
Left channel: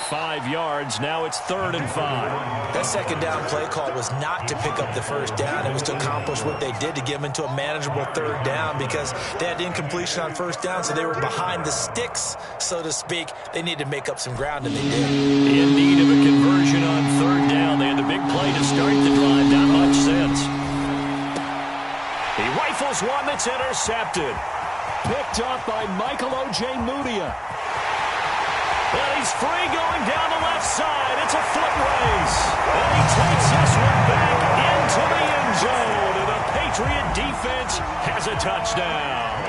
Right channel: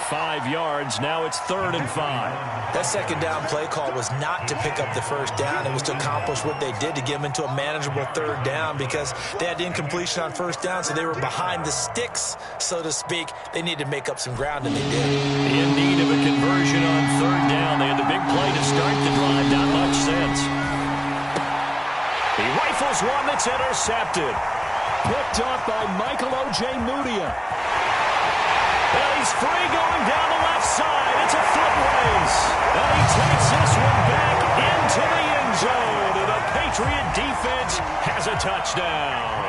5 yards. Now it's 3rd and 5. That 2nd down play call was not to pick up the 1st down. It was to accomplish what they did to get them into a manageable 3rd down, because they had incompletion on 1st down, so they were behind the sticks, so to speak. They needed to make up some ground, and they did. In need of a conversion on 3rd down. They had the big play to start the drive. Not much sense. He rifles one that's intercepted. Picked up by Michael O.J. Mudia. And he's free going down the left side. It's a foot race. And he takes this one back into the end zone. And the Patriot defense has a touchdown.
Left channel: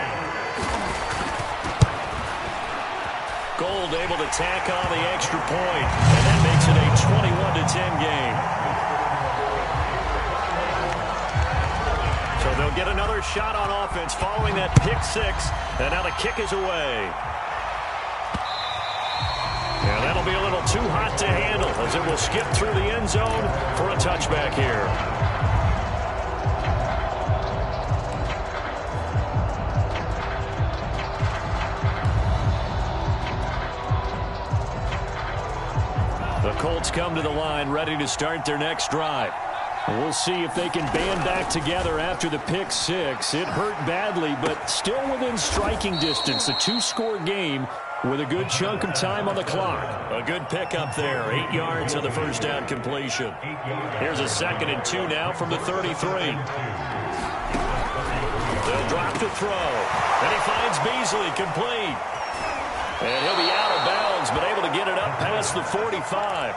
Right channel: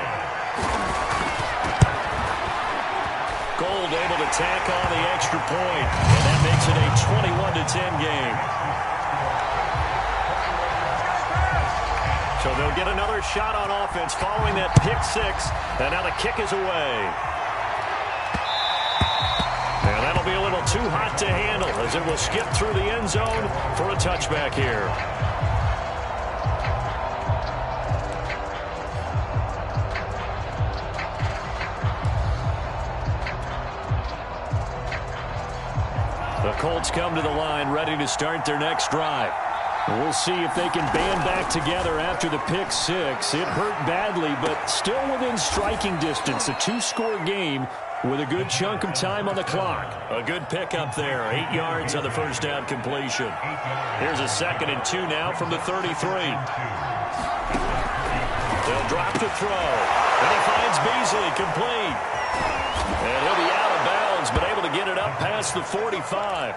Gold able to tack on the extra point. And that makes it a 21-10 game. So they'll get another shot on offense following that pick six. And now the kick is away. And that'll be a little too hot to handle as it will skip through the end zone for a touchback here. The Colts come to the line ready to start their next drive. We'll see if they can band back together after the pick six. It hurt badly, but still within striking distance. A 2-score game with a good chunk of time on the clock. A good pickup there. 8 yards on the first down completion. Here's a 2nd and 2 now from the 33. They'll drop to throw. Then he finds Beasley complete. And he'll be out of bounds, but able to get it up past the 45.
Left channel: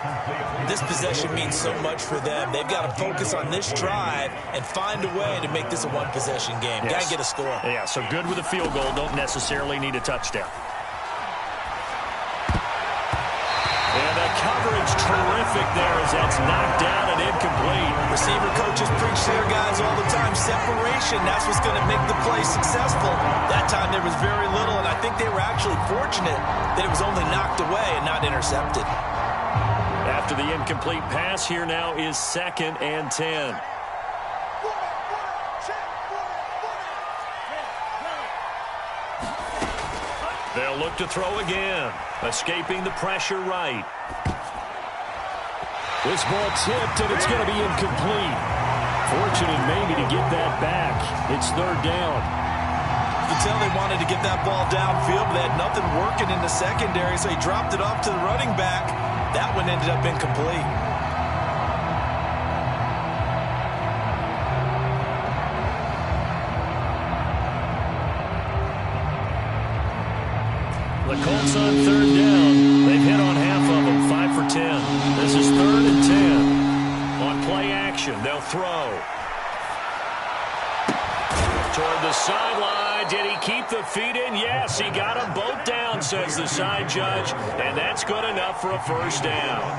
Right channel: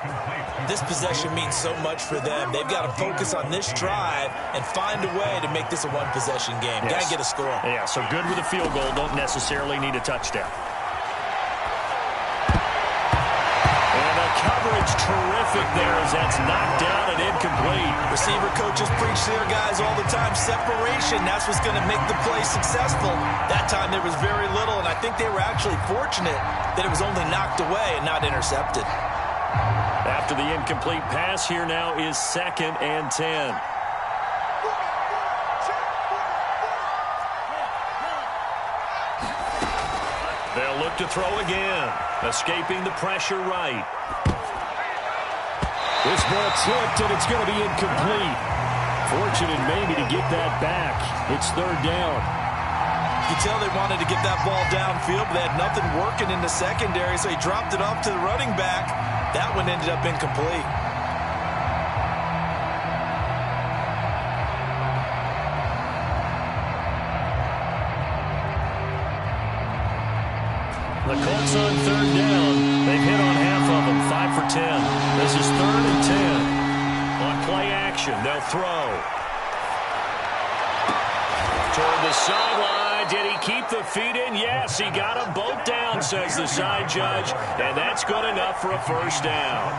This possession means so much for them. They've got to focus on this drive and find a way to make this a one-possession game. Yes. Got to get a score. Yeah, so good with a field goal. Don't necessarily need a touchdown. And the coverage terrific there as that's knocked down and incomplete. Receiver coaches preach to their guys all the time. Separation, that's what's going to make the play successful. That time there was very little, and I think they were actually fortunate that it was only knocked away and not intercepted. After the incomplete pass, here now is 2nd and 10. They'll look to throw again. Escaping the pressure right. This ball tipped, and it's going to be incomplete. Fortunate maybe to get that back. It's third down. You can tell they wanted to get that ball downfield, but they had nothing working in the secondary, so he dropped it off to the running back. That one ended up incomplete. The Colts on third down. They've hit on half of them, 5 for 10. This is 3rd and 10. On play action, they'll throw. Toward the sideline. Did he keep the feet in? Yes, he got them both down, says the side judge. And that's good enough for a first down.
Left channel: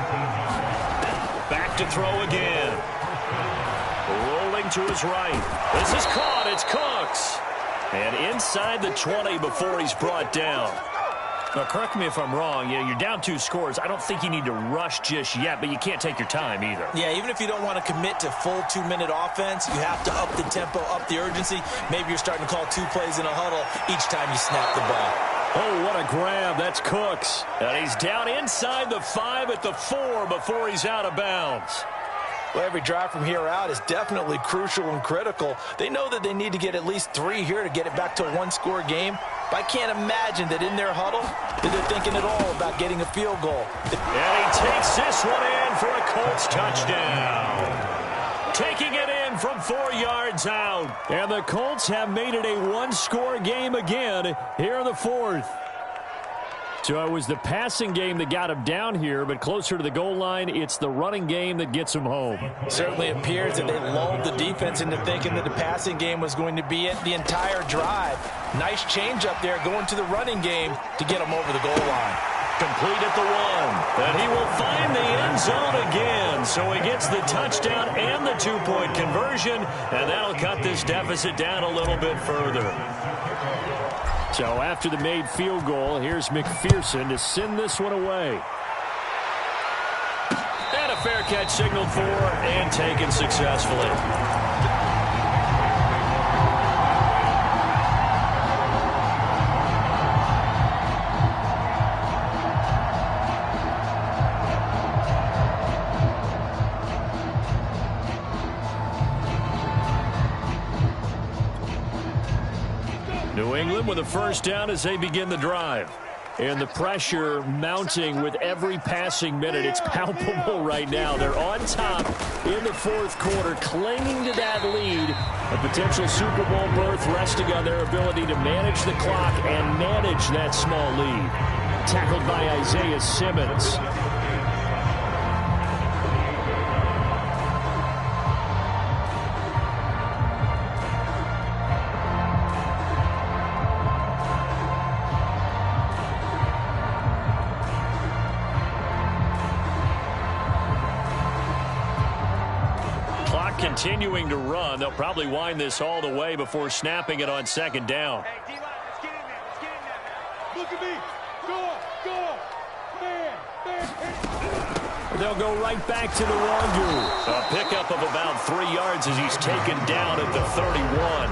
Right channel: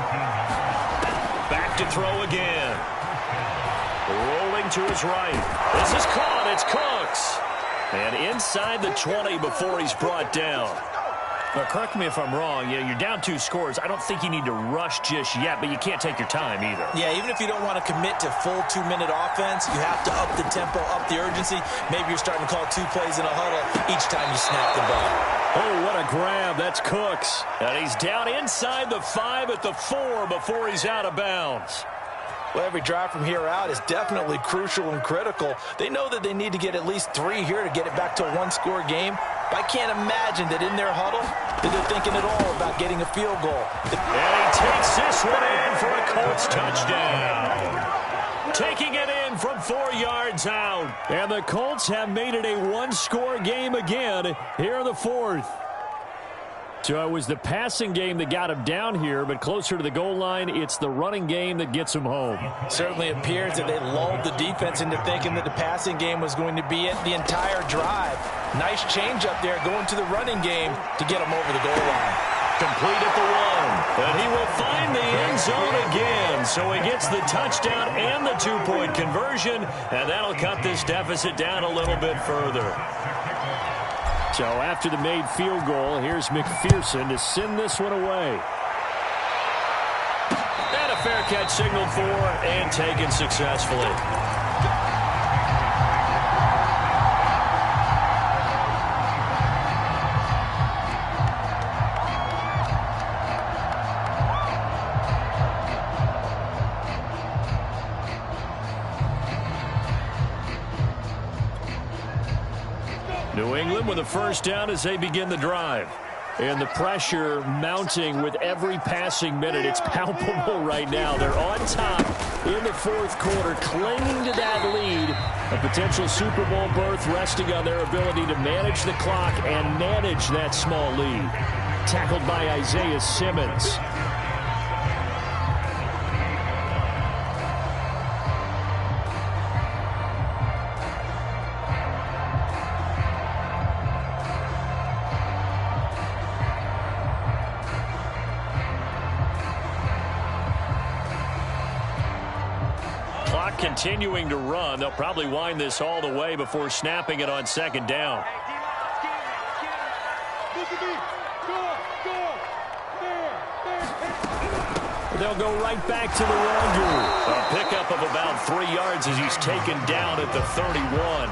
Back to throw again. Rolling to his right. This is caught. It's Cooks. And inside the 20 before he's brought down. Now, correct me if I'm wrong. You're down 2 scores. I don't think you need to rush just yet, but you can't take your time either. Yeah, even if you don't want to commit to full 2-minute offense, you have to up the tempo, up the urgency. Maybe you're starting to call 2 plays in a huddle each time you snap the ball. Oh, what a grab. That's Cooks. And he's down inside the 5 at the 4 before he's out of bounds. Well, every drive from here out is definitely crucial and critical. They know that they need to get at least 3 here to get it back to a 1-score game. But I can't imagine that in their huddle that they're thinking at all about getting a field goal. And he takes this one in for a Colts touchdown. Taking it in from 4 yards out. And the Colts have made it a 1-score game again here in the 4th. So it was the passing game that got him down here, but closer to the goal line, it's the running game that gets him home. Certainly appears that they lulled the defense into thinking that the passing game was going to be it the entire drive. Nice change up there going to the running game to get him over the goal line. Complete at the 1, and he will find the end zone again. So he gets the touchdown and the 2-point conversion, and that'll cut this deficit down a little bit further. So after the made field goal, here's McPherson to send this one away. And a fair catch signaled for and taken successfully. New England with a first down as they begin the drive. And the pressure mounting with every passing minute. It's palpable right now. They're on top in the 4th quarter, clinging to that lead. A potential Super Bowl berth resting on their ability to manage the clock and manage that small lead. Tackled by Isaiah Simmons. Continuing to run. They'll probably wind this all the way before snapping it on 2nd down. Hey, D-line, let's get in there. Let's get in there. Look at me. Go. They'll go right back to the run. A pickup of about 3 yards as he's taken down at the 31.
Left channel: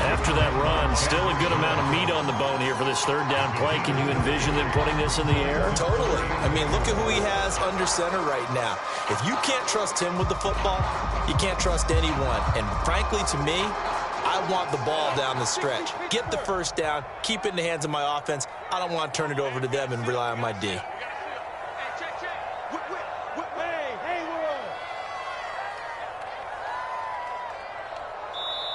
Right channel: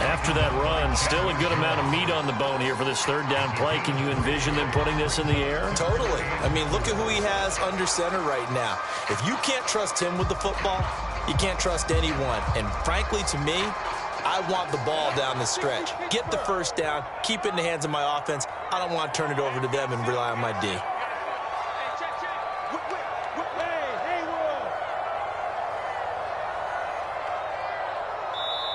After that run, still a good amount of meat on the bone here for this 3rd down play. Can you envision them putting this in the air? Totally. I mean, look at who he has under center right now. If you can't trust him with the football, you can't trust anyone. And frankly, to me, I want the ball down the stretch. Get the first down, keep it in the hands of my offense. I don't want to turn it over to them and rely on my D. Hey, check. Hey, world.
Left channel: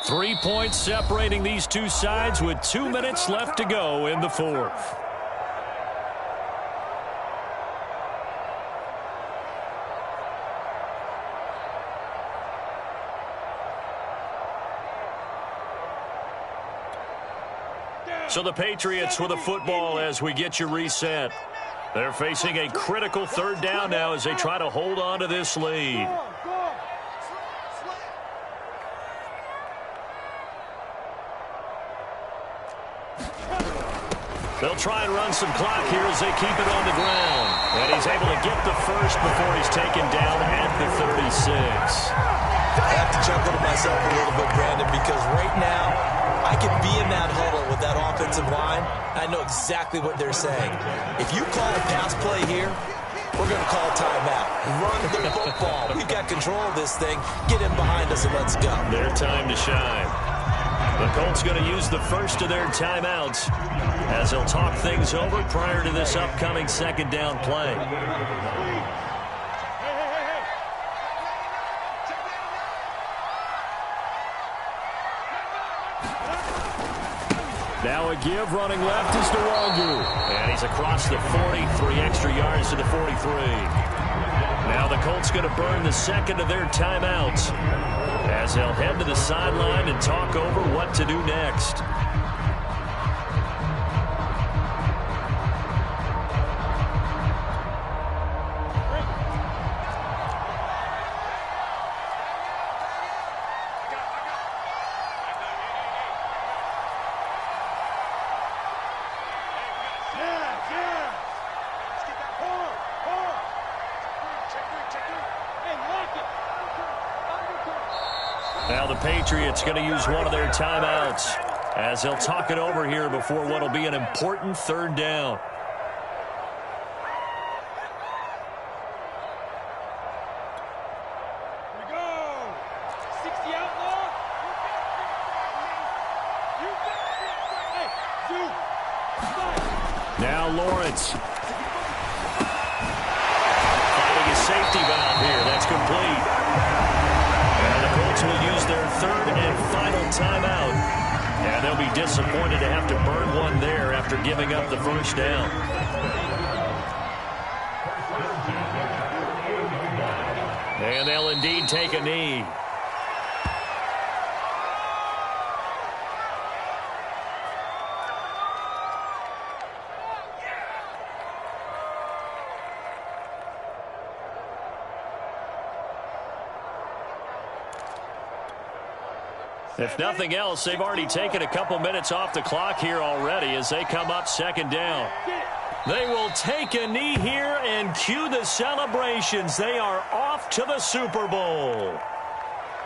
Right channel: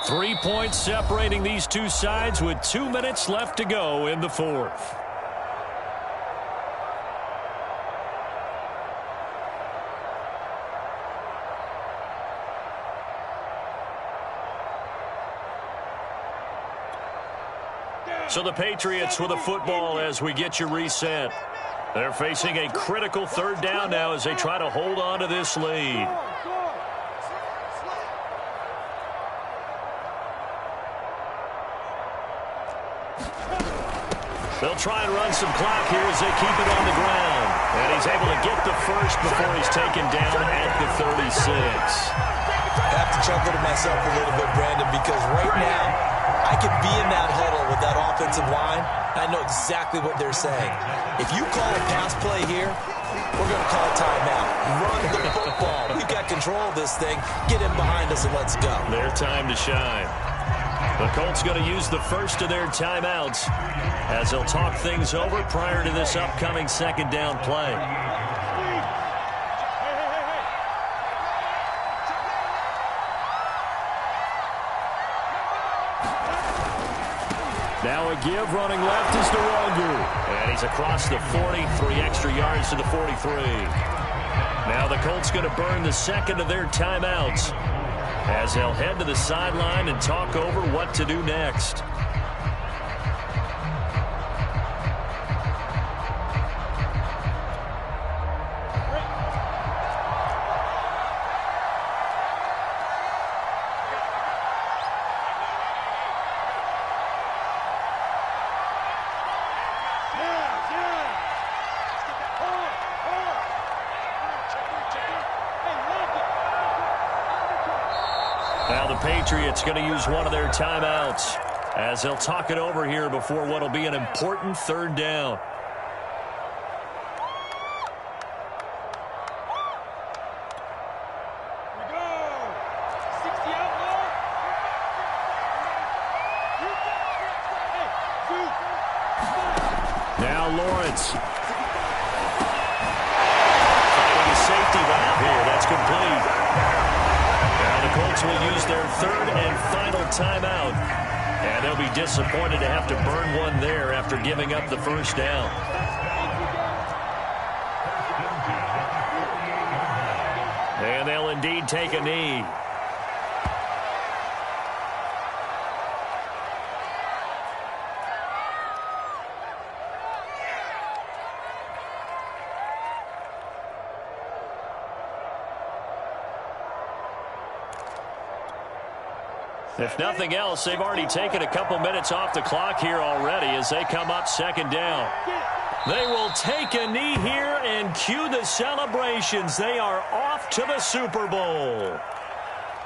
3 points separating these two sides with 2 minutes left to go in the 4th. So the Patriots with a football as we get you reset. They're facing a critical 3rd down now as they try to hold on to this lead. They'll try and run some clock here as they keep it on the ground. And he's able to get the first before he's taken down at the 36. I have to chuckle to myself a little bit, Brandon, because right now I could be in that huddle with that offensive line. I know exactly what they're saying. If you call a pass play here, we're going to call timeout. Run the football. We've got control of this thing. Get in behind us and let's go. Their time to shine. The Colts going to use the first of their timeouts as they'll talk things over prior to this upcoming second down play. Now a give running left is Nwangu. And he's across the 40, 3 extra yards to the 43. Now the Colts going to burn the second of their timeouts as they'll head to the sideline and talk over what to do next. Now the Patriots going to use one of their timeouts as they'll talk it over here before what will be an important third down. We go. 60 outlaw. Hey, Zoo. Now Lawrence. Finding a safety valve here. That's complete. And the Colts will use their third and final timeout. And they'll be disappointed to have to burn one there after giving up the first down. And they'll indeed take a knee. If nothing else, they've already taken a couple minutes off the clock here already as they come up second down. They will take a knee here and cue the celebrations. They are off to the Super Bowl.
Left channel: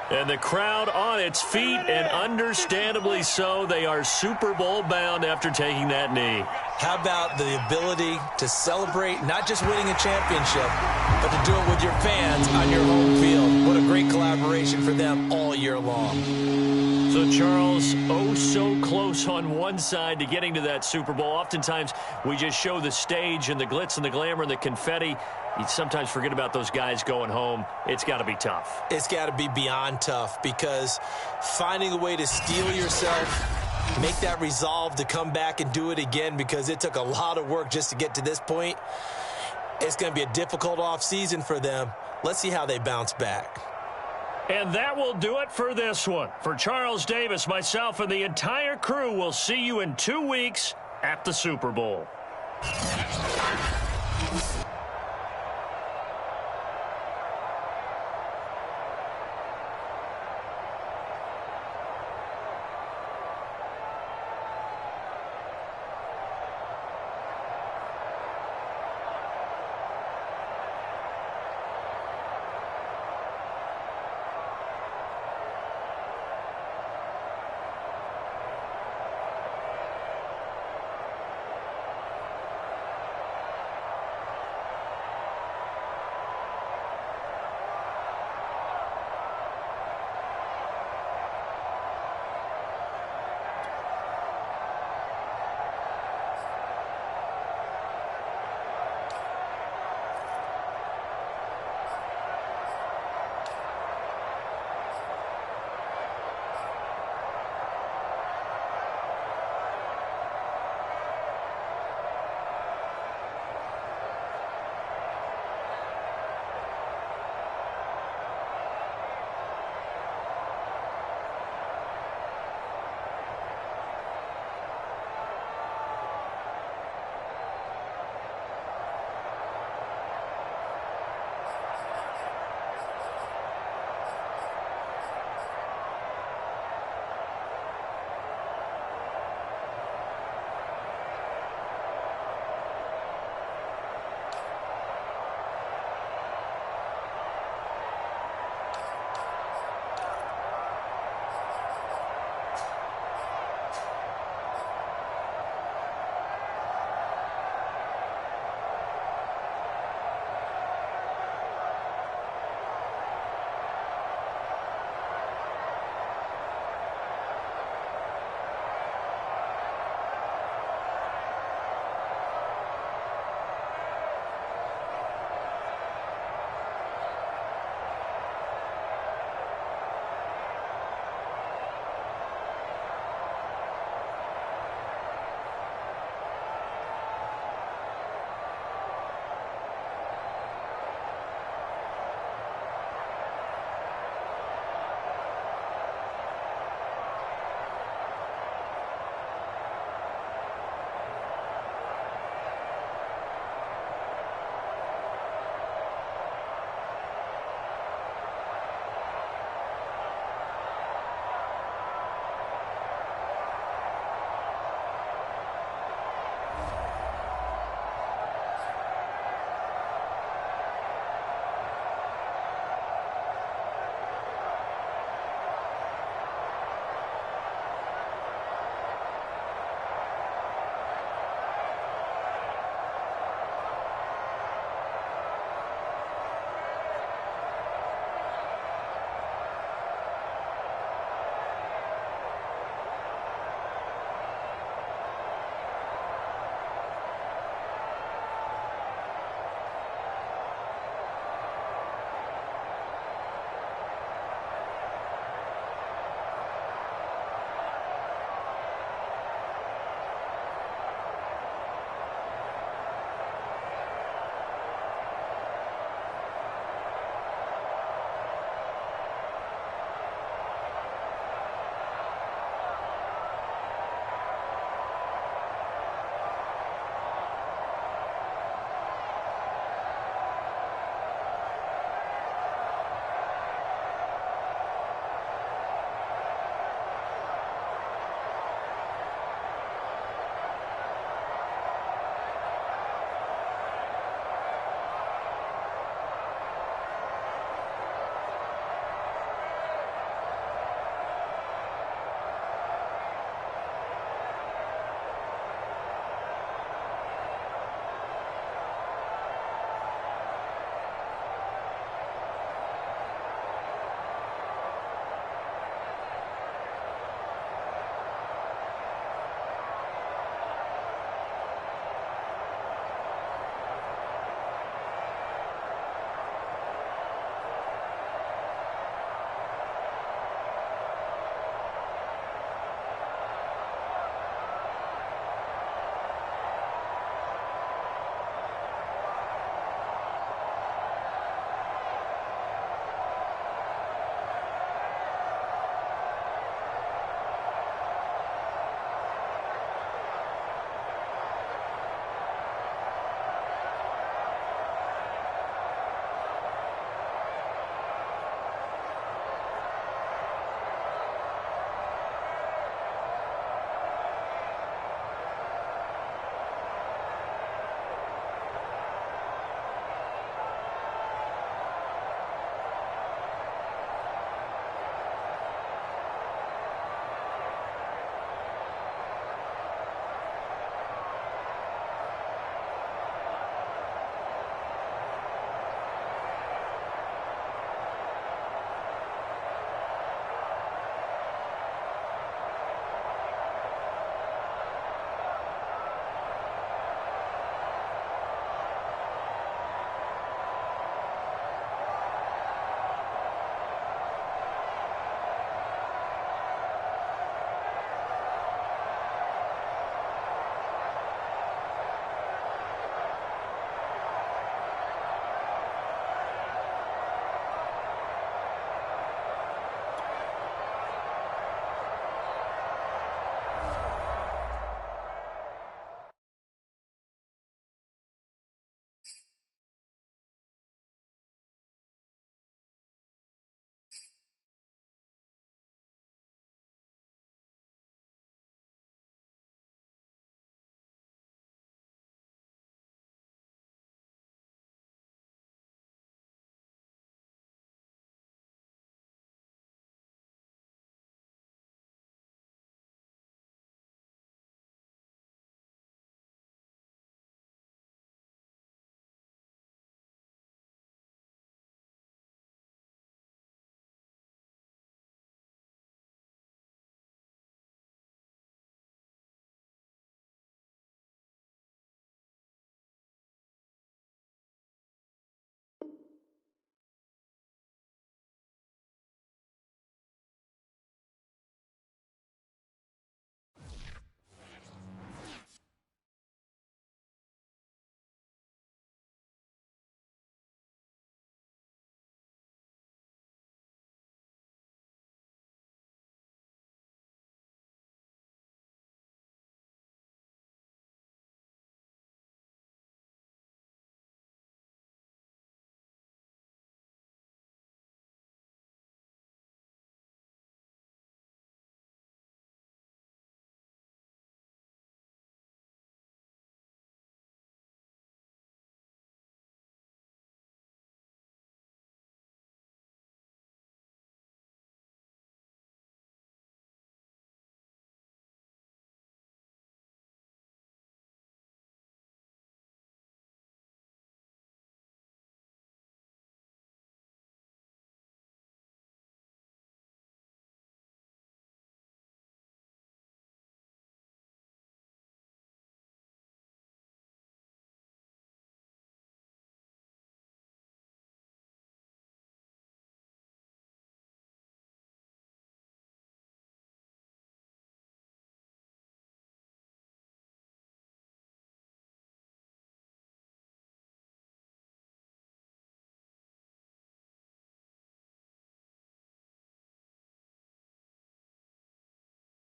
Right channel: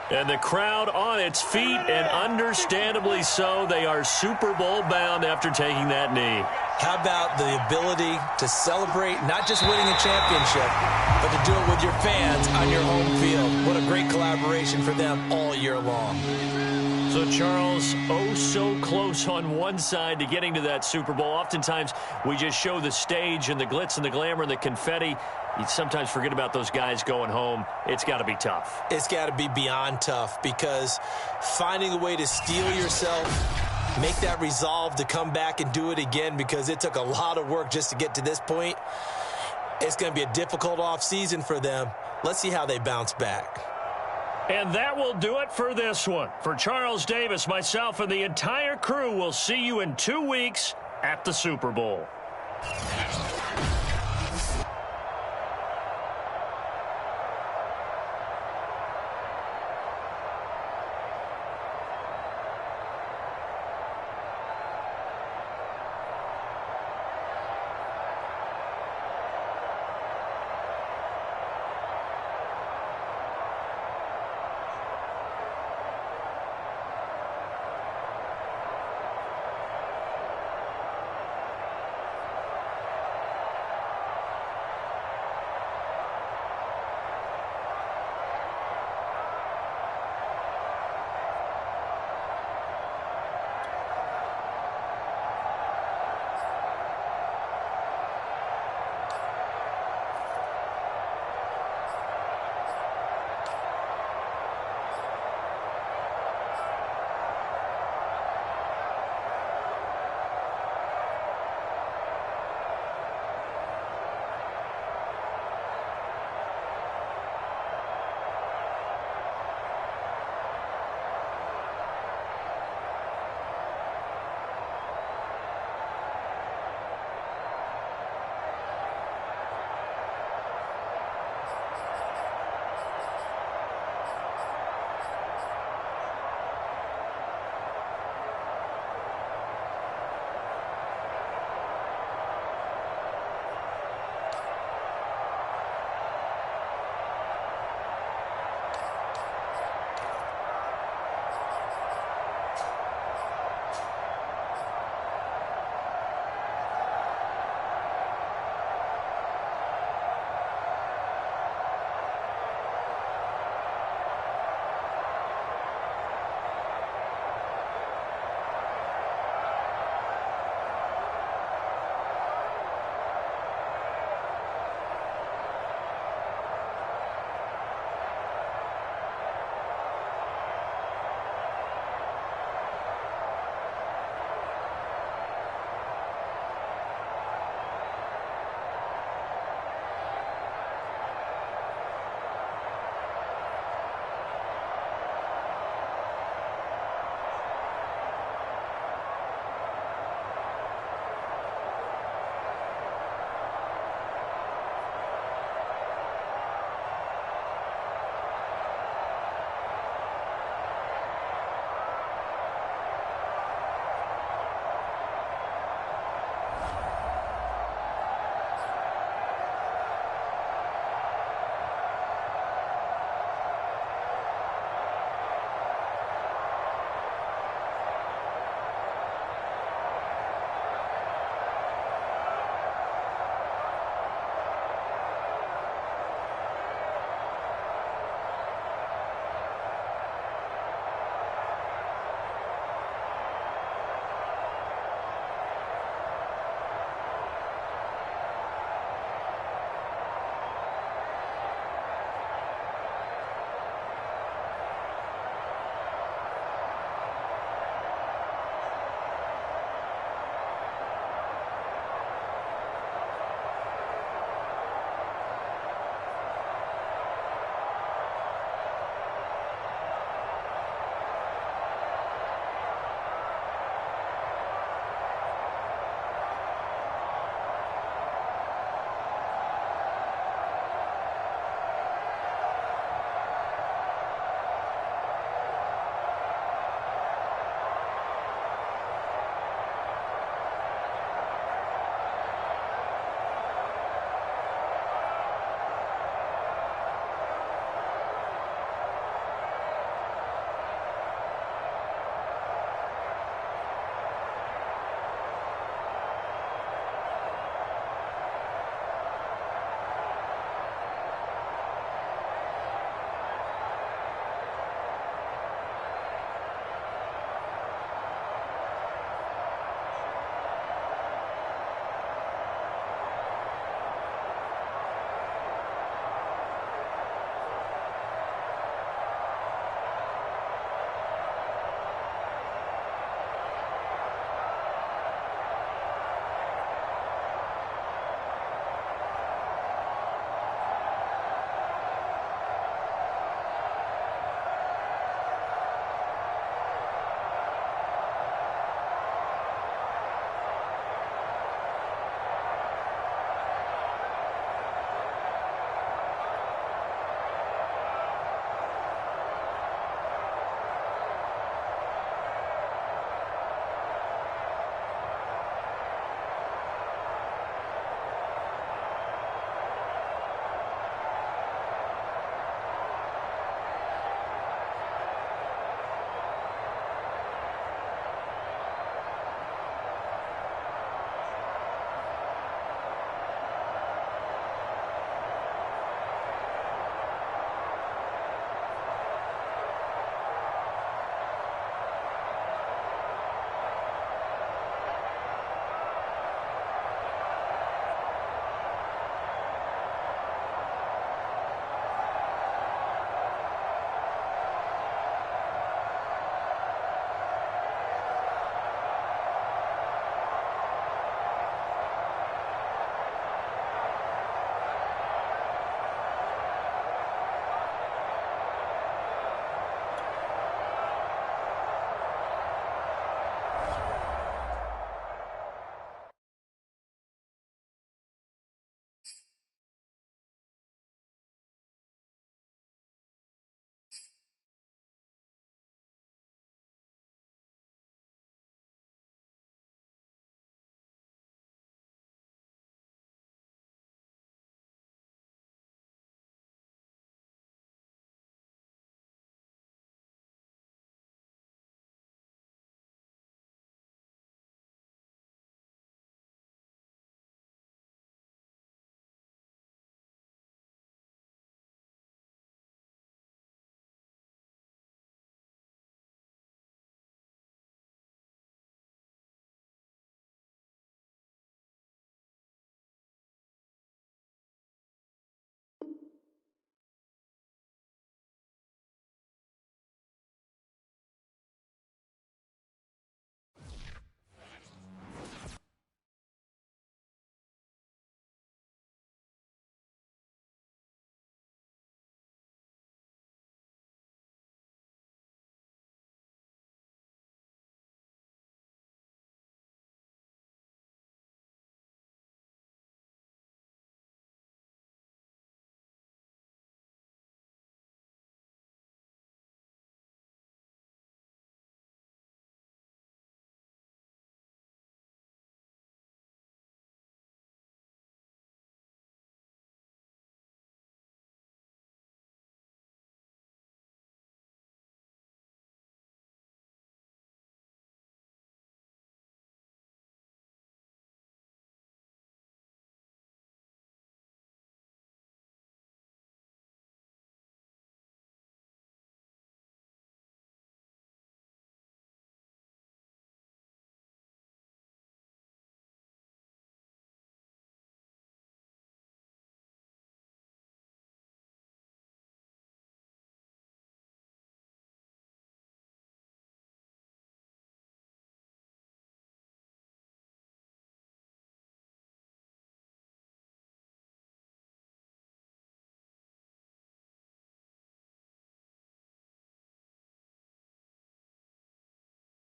And the crowd on its feet, and understandably so. They are Super Bowl bound after taking that knee. How about the ability to celebrate not just winning a championship, but to do it with your fans on your home field? What a great collaboration for them all year long. So, Charles, oh so close on one side to getting to that Super Bowl. Oftentimes, we just show the stage and the glitz and the glamour and the confetti. You sometimes forget about those guys going home. It's got to be tough. It's got to be beyond tough because finding a way to steel yourself, make that resolve to come back and do it again because it took a lot of work just to get to this point. It's going to be a difficult offseason for them. Let's see how they bounce back. And that will do it for this one. For Charles Davis, myself, and the entire crew, we'll see you in 2 weeks at the Super Bowl.